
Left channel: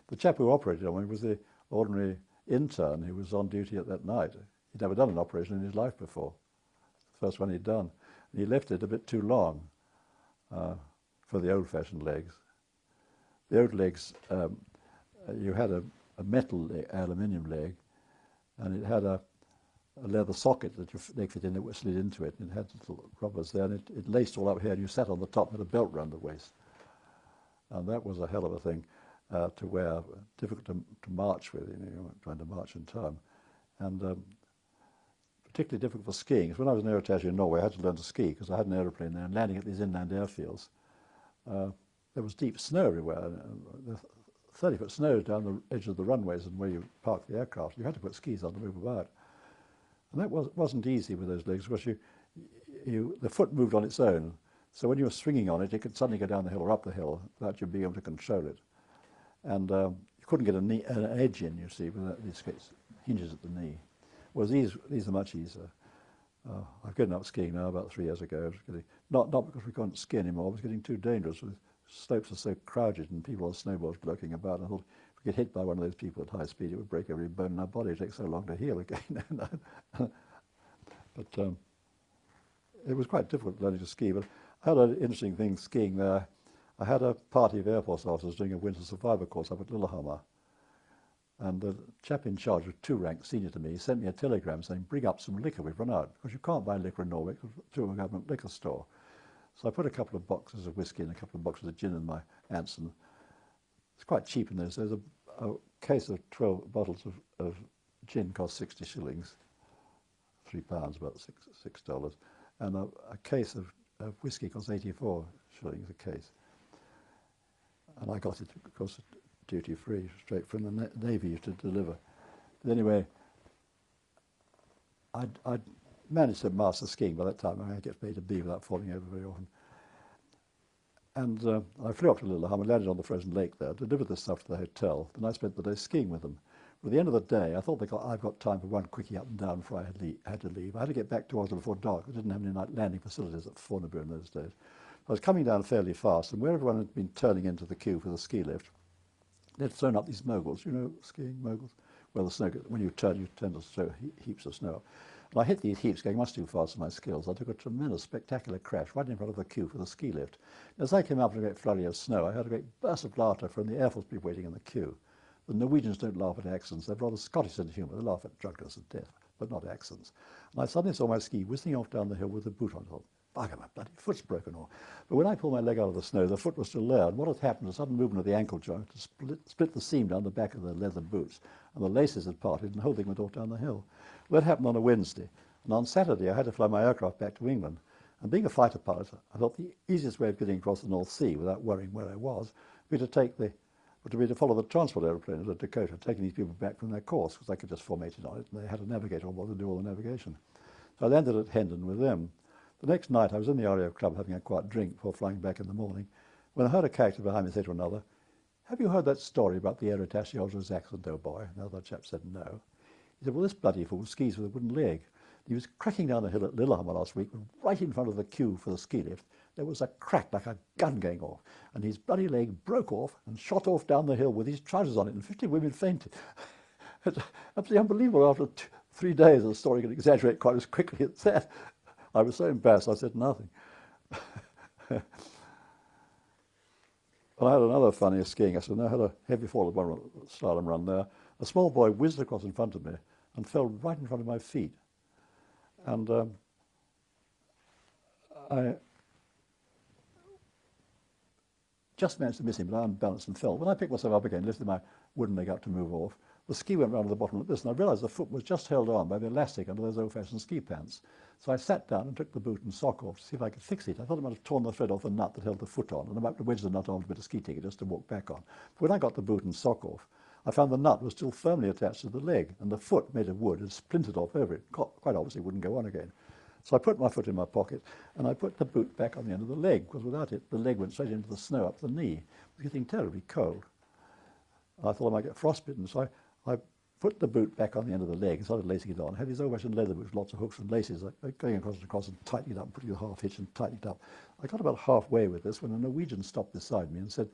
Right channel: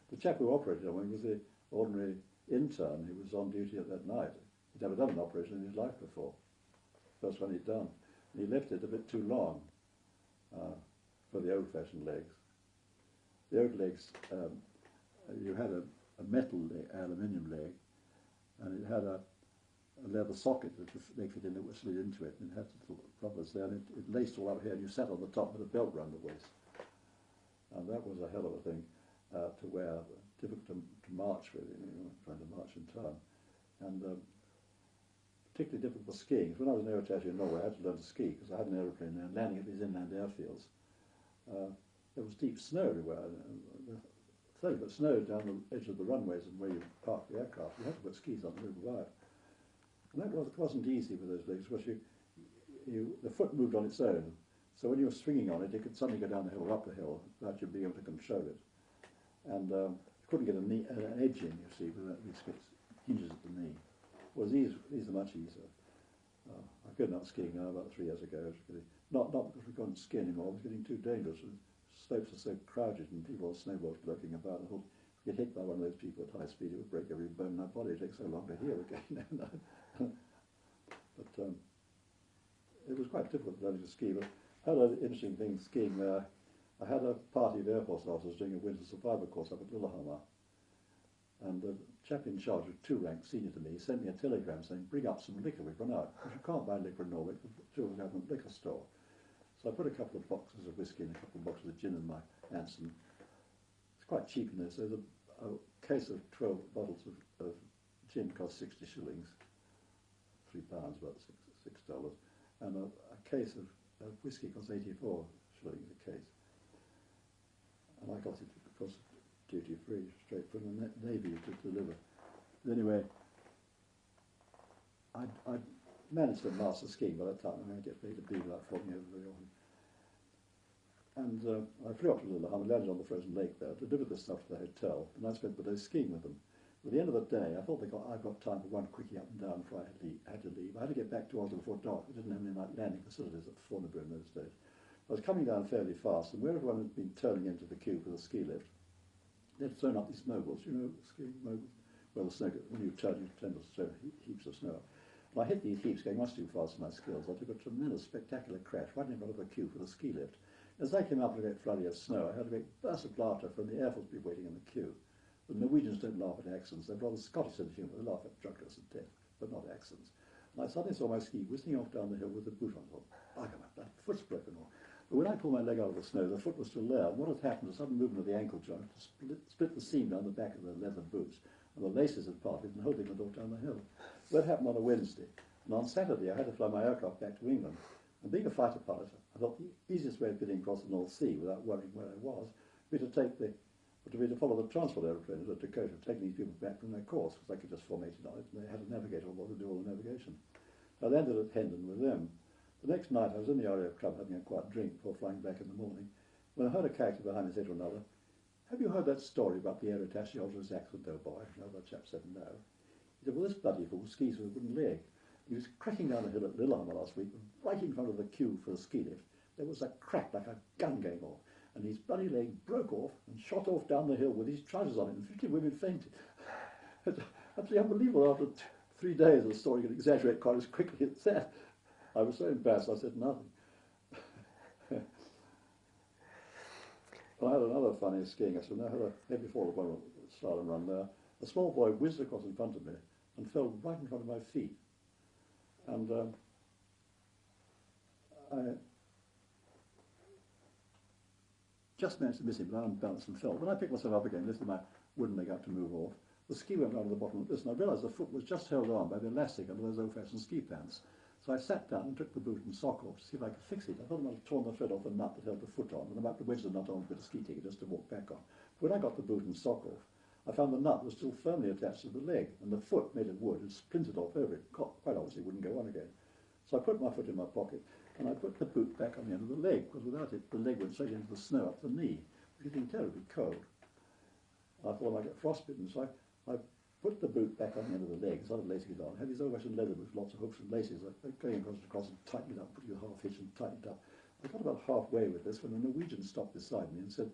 The chap who operated on me was the ordinary intern who was on duty at that night. He'd never done an operation in his life before. The first one he'd done. And he left it a bit too long for the old-fashioned legs. The old legs, you had a metal aluminium leg, and it had a leather socket that your leg fit in that slid into it. And it had little rubbers there, and it laced all up here, and you sat on the top with a belt round the waist. And that was a hell of a thing to wear, difficult to march with, you weren't trying to march in time. And particularly difficult for skiing. Because when I was an air attaché in Norway, I had to learn to ski because I had an aeroplane there, and landing at these inland airfields, there was deep snow everywhere. And 30-foot snow down the edge of the runways and where you parked the aircraft. You had to put skis on to move about. And that wasn't easy with those legs because the foot moved on its own. So when you were swinging on it, you could suddenly go down the hill or up the hill without you being able to control it. And you couldn't get an edge in, you see, without these hinges at the knee. Whereas these are much easier. I've given up skiing now about 3 years ago. Not because we couldn't ski anymore, it was getting too dangerous. Slopes are so crowded and people on snowboards lurking about. And I thought, if we get hit by one of those people at high speed, it would break every bone in our body. It takes so long to heal again. But it was quite difficult learning to ski. But I had an interesting thing skiing there. I had a party of Air Force officers doing a winter survivor course up at Lillehammer. And the chap in charge was 2 ranks senior to me. He sent me a telegram saying, bring up some liquor, we've run out. Because you can't buy liquor in Norway, because to a government liquor store. So I put a couple of boxes of whiskey and a couple of boxes of gin in my Anson. It's quite cheap in those days. a case of 12 bottles of gin cost 60 shillings, £3, about $6, and a case of whiskey cost 84 shillings a case. And I got it, of course, duty free, straight from the Navy to deliver. But anyway, I'd managed to master skiing by that time. I get from A to B without falling over very often. And I flew up to Lillehammer, landed on the frozen lake there, delivered this stuff to the hotel, and I spent the day skiing with them. At the end of the day, I thought I've got time for one quickie up and down before I had to leave. I had to get back to Oslo before dark. I didn't have any night landing facilities at Fornebu in those days. I was coming down fairly fast, and where everyone had been turning into the queue for the ski lift, they'd thrown up these moguls, you know, skiing moguls? Well, the snow, when you turn to throw heaps of snow up. And I hit these heaps going much too fast for my skills. I took a tremendous, spectacular crash right in front of the queue for the ski lift. As I came up with a great flurry of snow, I heard a great burst of laughter from the Air Force people waiting in the queue. The Norwegians don't laugh at accents. They've rather Scottish sense of humour. They laugh at drunkenness and death, but not accents. And I suddenly saw my ski whizzing off down the hill with the boot on. I thought, bugger, my bloody foot's broken off. But when I pulled my leg out of the snow, the foot was still there. And what had happened, a sudden movement of the ankle joint to split the seam down the back of the leather boots. And the laces had parted, and the whole thing went off down the hill. Well, that happened on a Wednesday. And on Saturday, I had to fly my aircraft back to England. And being a fighter pilot, I thought the easiest way of getting across the North Sea without worrying where I was would be to follow the transport aeroplane at Dakota, taking these people back from their course, because I could just formate it on it, and they had a navigator on board to do all the navigation. So I landed at Hendon with them. The next night, I was in the RAF club having a quiet drink before flying back in the morning, when I heard a character behind me say to another, "Have you heard that story about the air attaché Oslo's accident, old boy?" Another chap said no. He said, "Well, this bloody fool skis with a wooden leg. He was cracking down a hill at Lillehammer last week, right in front of the queue for the ski lift. There was a crack like a gun going off, and his bloody leg broke off and shot off down the hill with his trousers on it, and 50 women fainted." It's absolutely unbelievable. After 3 days, the story could exaggerate quite as quickly as that. I was so embarrassed, I said nothing. I had another funny skiing accident. I had a heavy fall at one slalom run there. A small boy whizzed across in front of me and fell right in front of my feet. And I just managed to miss him, but I unbalanced and fell. When I picked myself up again, lifted my wooden leg up to move off, the ski went round to the bottom like this, and I realised the foot was just held on by the elastic under those old-fashioned ski pants. So I sat down and took the boot and sock off to see if I could fix it. I thought I might have torn the thread off the nut that held the foot on, and I might have wedged the nut onto a bit of ski ticket just to walk back on. But when I got the boot and sock off, I found the nut was still firmly attached to the leg, and the foot, made of wood, had splintered off over it. Quite obviously wouldn't go on again. So I put my foot in my pocket, and I put the boot back on the end of the leg, because without it, the leg went straight into the snow up the knee. It was getting terribly cold. I thought I might get frostbitten, so I put the boot back on the end of the leg and started lacing it on. I had these old-fashioned leather boots, lots of hooks and laces, going across and across and tightening it up, putting a half hitch and tightening it up. I got about halfway with this when a Norwegian stopped beside me and said,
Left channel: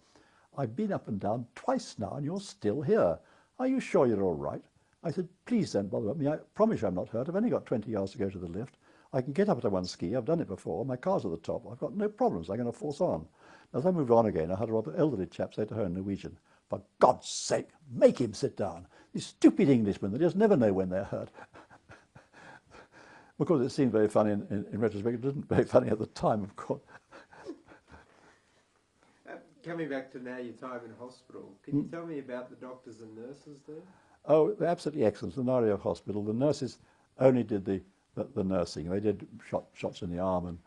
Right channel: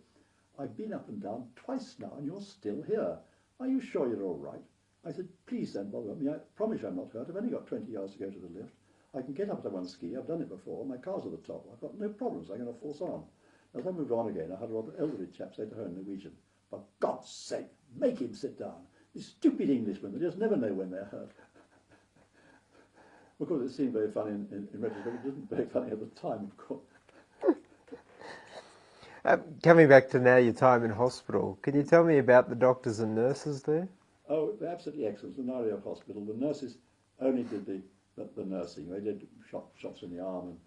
"I've been up and down twice now and you're still here. Are you sure you're all right?" I said, "Please don't bother about me. I promise you I'm not hurt. I've only got 20 yards to go to the lift. I can get up to one ski. I've done it before. My car's at the top. I've got no problems. I'm going to force on." As I moved on again, I heard a rather elderly chap say to her in Norwegian, "For God's sake, make him sit down. These stupid Englishmen, they just never know when they're hurt." Of course, it seemed very funny in retrospect. It wasn't very funny at the time, of course. Coming back to now your time in hospital, can you tell me about the doctors and nurses there? Oh, they're absolutely excellent. In the RAF hospital, the nurses only did the nursing. They did shots in the arm and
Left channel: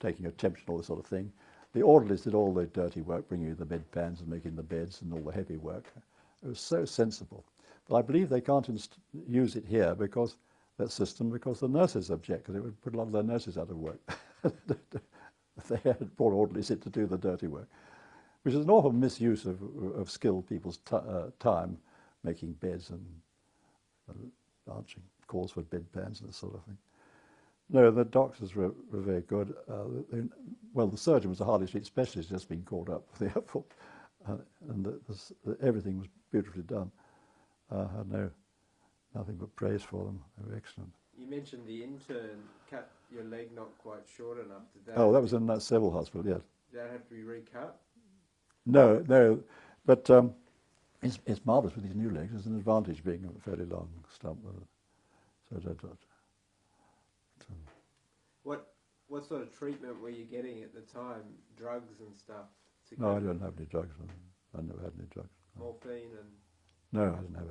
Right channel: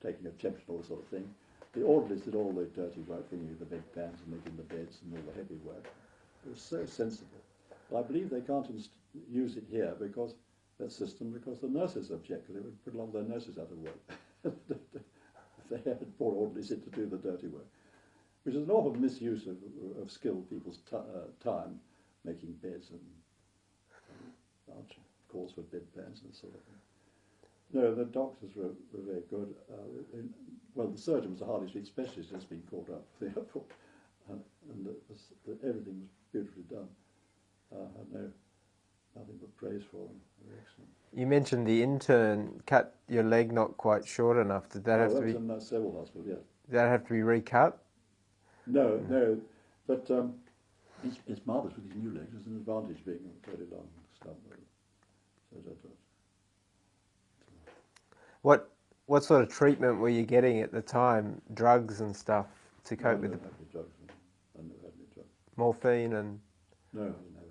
taking a temperature and all this sort of thing. The orderlies did all the dirty work, bringing you the bedpans and making the beds and all the heavy work. It was so sensible. But I believe they can't use it here because that system, because the nurses object, because it would put a lot of their nurses out of work if they had brought orderlies in to do the dirty work, which is an awful misuse of skilled people's time, making beds and answering calls for bedpans and that sort of thing. No, the doctors were very good. Well, the surgeon was a Harley Street specialist, just been called up for the airport, and everything was beautifully done. I had nothing but praise for them. They were excellent. You mentioned the intern cut your leg not quite short enough. Did that? Oh, that was in that civil hospital. Yes. Did that have to be recut? No, but it's marvellous with these new legs. There's an advantage being a fairly long stump. What sort of treatment were you getting at the time? Drugs and stuff to No, I cope with? don't have any drugs. I never had any drugs. Morphine and... No, I didn't have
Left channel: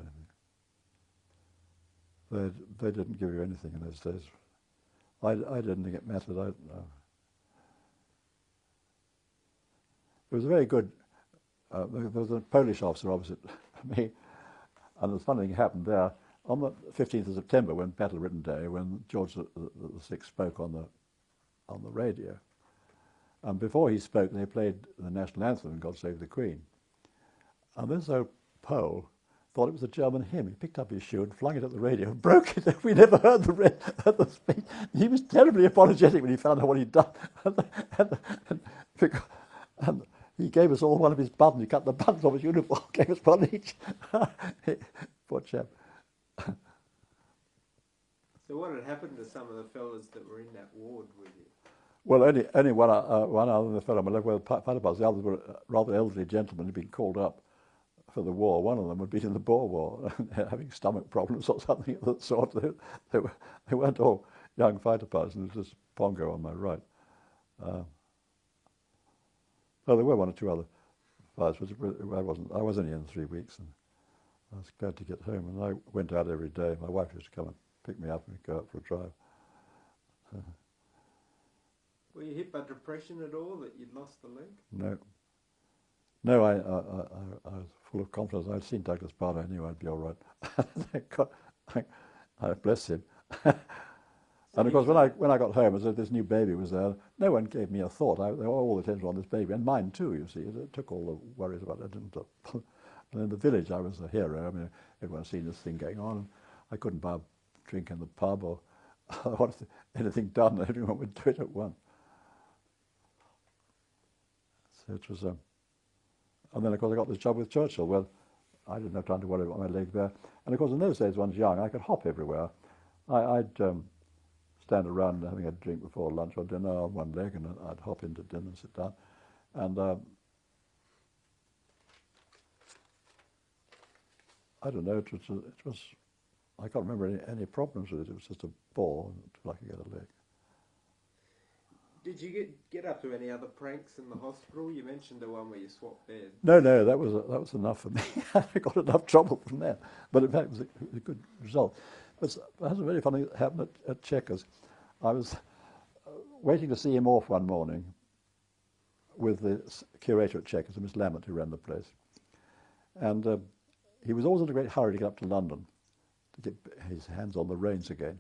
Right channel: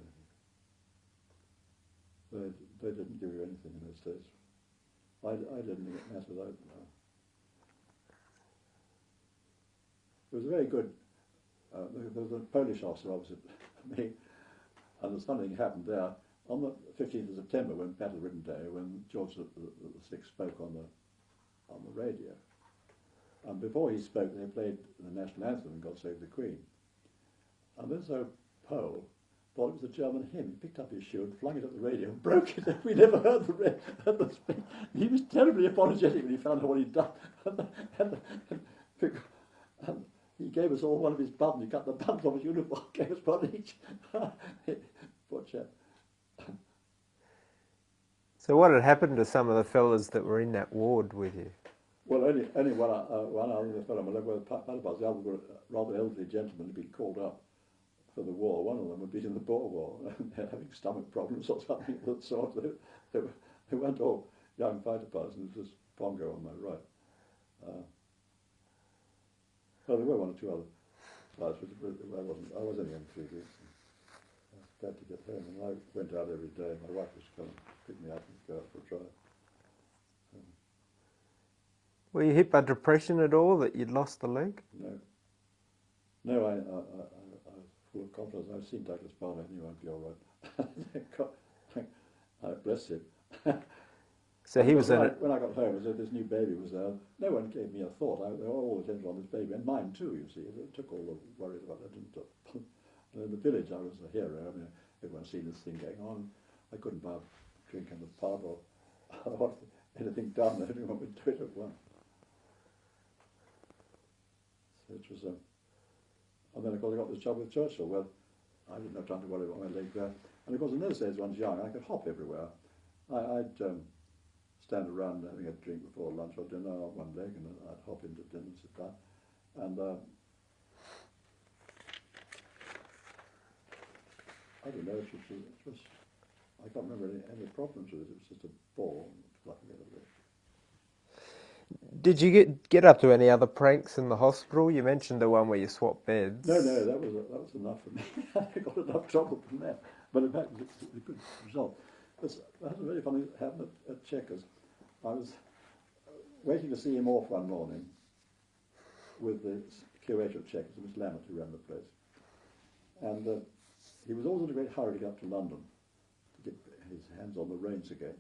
anything. They didn't give you anything in those days. I didn't think it mattered. It was a very good. There was a Polish officer opposite me, and the funny thing happened there on the 15th of September, when Battle Britain Day, when George the spoke on the radio. And before he spoke, they played the national anthem, "God Save the Queen." And this old Pole thought it was a German hymn. He picked up his shoe and flung it at the radio and broke it. We never heard the speech. He was terribly apologetic when he found out what he'd done. And he gave us all one of his buttons. He cut the buttons off his uniform, gave us one each. Poor chap. So what had happened to some of the fellas that were in that ward with you? Well, only one other than the fellow on my left, well, part of the others were rather elderly gentlemen who'd been called up for the war. One of them had been in the Boer War, having stomach problems or something of that sort. They weren't all young fighter pilots, and there was this Pongo on my right. Oh, there were one or two other pilots, but I was only in 3 weeks, and I was glad to get home. And I went out every day. My wife used to come and pick me up and go out for a drive. Were you hit by depression at all that you'd lost the leg? No, I was full of confidence. I'd seen Douglas Bader. I knew I'd be all right. Bless him. So and he was when I got home, as this new baby was there, no one gave me a thought. They were all the attention on this baby, and mine too, you see. It took all the worries about it. And in the village, I was a hero. I mean, everyone's seen this thing going on. I couldn't buy a drink in the pub or anything done. Everyone would do it at once. So it was, and then of course I got this job with Churchill. Well, I didn't have time to worry about my leg there. And of course in those days, when I was young, I could hop everywhere. I'd stand around having a drink before lunch or dinner on one leg, and I'd hop into dinner and sit down. And I don't know, it was I can't remember any problems with it. It was just a ball until I could get a leg. Did you get up to any other pranks in the hospital? You mentioned the one where you swapped beds. No, that was enough for me. I got enough trouble from that, but in fact it was a good result. But that was a very funny happened at Chequers. I was waiting to see him off one morning with the curator at Chequers, Miss Lambert, who ran the place, and he was always in a great hurry to get up to London to get his hands on the reins again.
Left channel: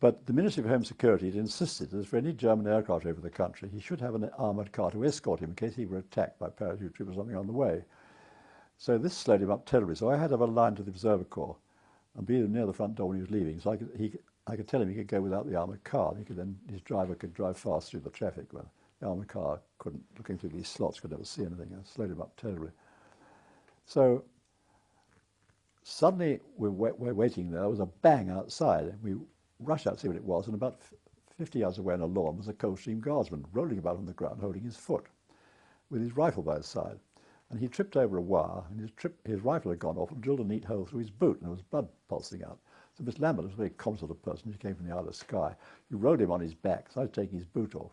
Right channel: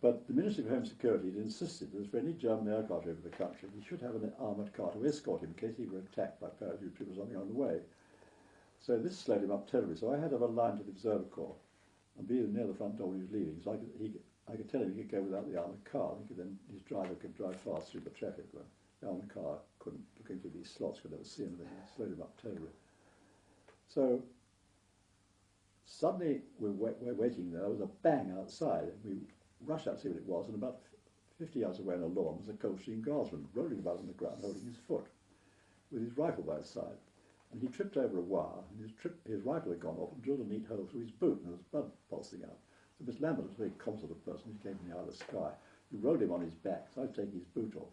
But the Ministry of Home Security had insisted that for any German aircraft over the country, he should have an armoured car to escort him in case he were attacked by parachute troops or something on the way. So this slowed him up terribly. So I had to have a line to the Observer Corps and be near the front door when he was leaving. So I could tell him he could go without the armoured car. His driver could drive fast through the traffic. But the armoured car couldn't, looking through these slots, could never see anything. It slowed him up terribly. So suddenly we're waiting there. There was a bang outside, and we rushed out to see what it was, and about 50 yards away on a lawn was a Coldstream Guardsman rolling about on the ground, holding his foot, with his rifle by his side. And he tripped over a wire, and his rifle had gone off and drilled a neat hole through his boot, and there was blood pulsing out. So Miss Lambert was a very common of person. She came from the Isle of Skye. You rolled him on his back, so I was taking his boot off.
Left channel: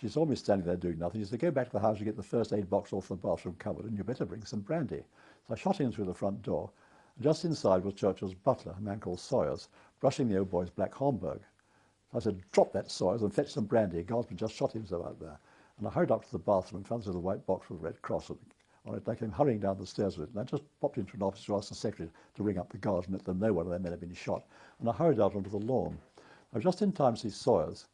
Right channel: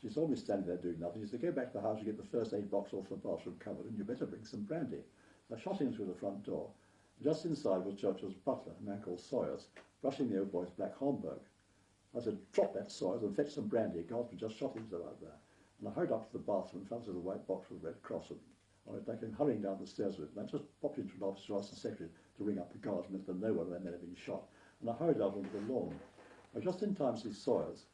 She saw me standing there doing nothing. She said, "Go back to the house and get the first aid box off the bathroom cupboard, and you better bring some brandy." So I shot him through the front door. And just inside was Churchill's butler, a man called Sawyers, brushing the old boy's black Homburg. I said, "Drop that, Sawyers, and fetch some brandy." Guardsman just shot himself out there. And I hurried up to the bathroom and found a little white box with a red cross on it. I came hurrying down the stairs with it, and I just popped into an office to ask the secretary to ring up the guards and let them know one of their men had been shot. And I hurried out onto the lawn. I was just in time to see Sawyers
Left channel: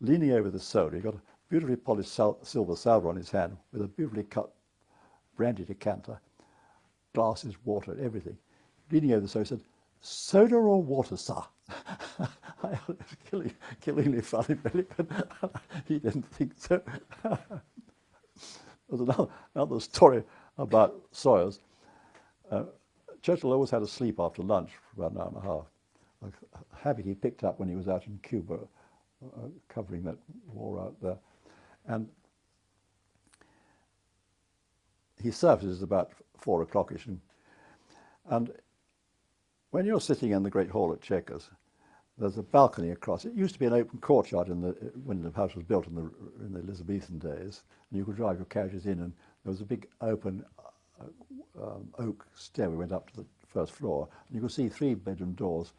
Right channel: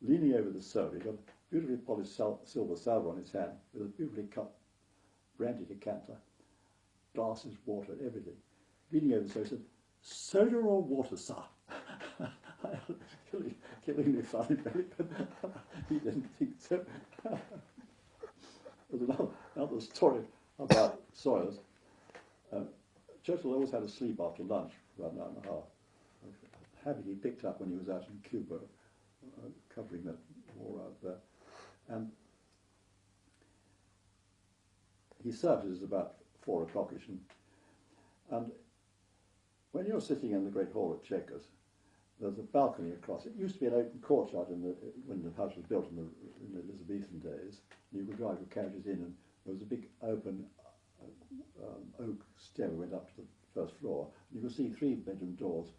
leaning over the soda. He got a beautifully polished silver salver on his hand with a beautifully cut brandy decanter, glasses, water, everything. Leaning over the soda, he said, "Soda or water, sir?" It was killingly funny, really, but he didn't think so. There's another story about Sawyers. Churchill always had to sleep after lunch for about an hour and a half. A habit he picked up when he was out in Cuba, covering that war out there. And he surfaces about 4 o'clockish. And when you're sitting in the great hall at Chequers, there's a balcony across. It used to be an open courtyard when the house was built in the Elizabethan days. And you could drive your carriages in, and there was a big open oak stairway went up to the first floor, and you could see 3-bedroom doors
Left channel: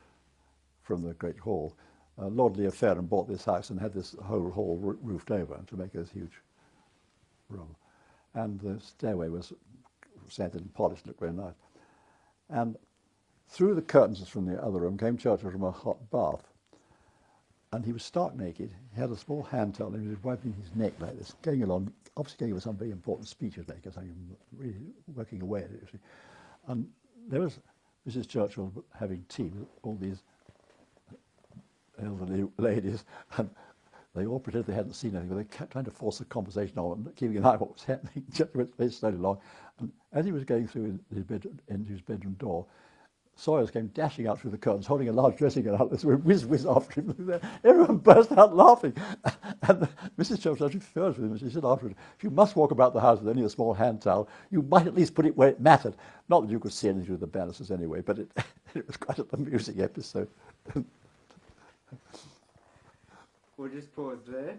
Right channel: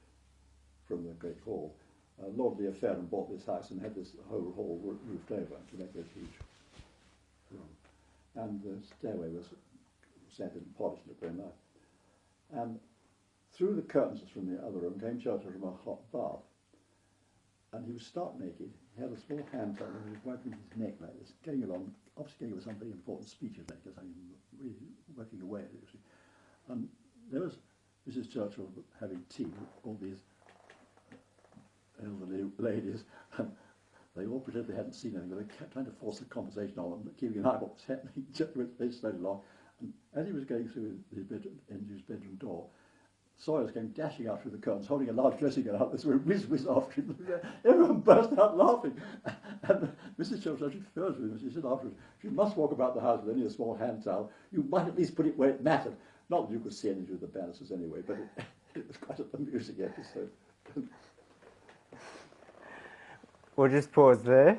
from the great hall. Lord Leo Fairham bought this house and had this whole hall roofed over to make this huge room. And the stairway was sanded and polished, looked very nice. And through the curtains from the other room came Churchill from a hot bath. And he was stark naked. He had a small hand towel and he was wiping his neck like this, going along, obviously going with some very important speeches like this, really working away at it, you see. And there was Mrs. Churchill having tea with all these elderly ladies, and they all pretended they hadn't seen anything, but they kept trying to force a conversation on and keeping an eye on what was happening. Churchill went very slowly along, and as he was going through his bedroom door, Sawyers came dashing out through the curtains, holding a large dressing gown out. So whiz, whiz after him. Everyone burst out laughing. And Mrs. Churchill actually furious with him. She said afterwards, if you must walk about the house with only a small hand towel, you might at least put it where it mattered. Not that you could see anything through the banisters anyway, but it was quite an amusing episode. We'll just pause there.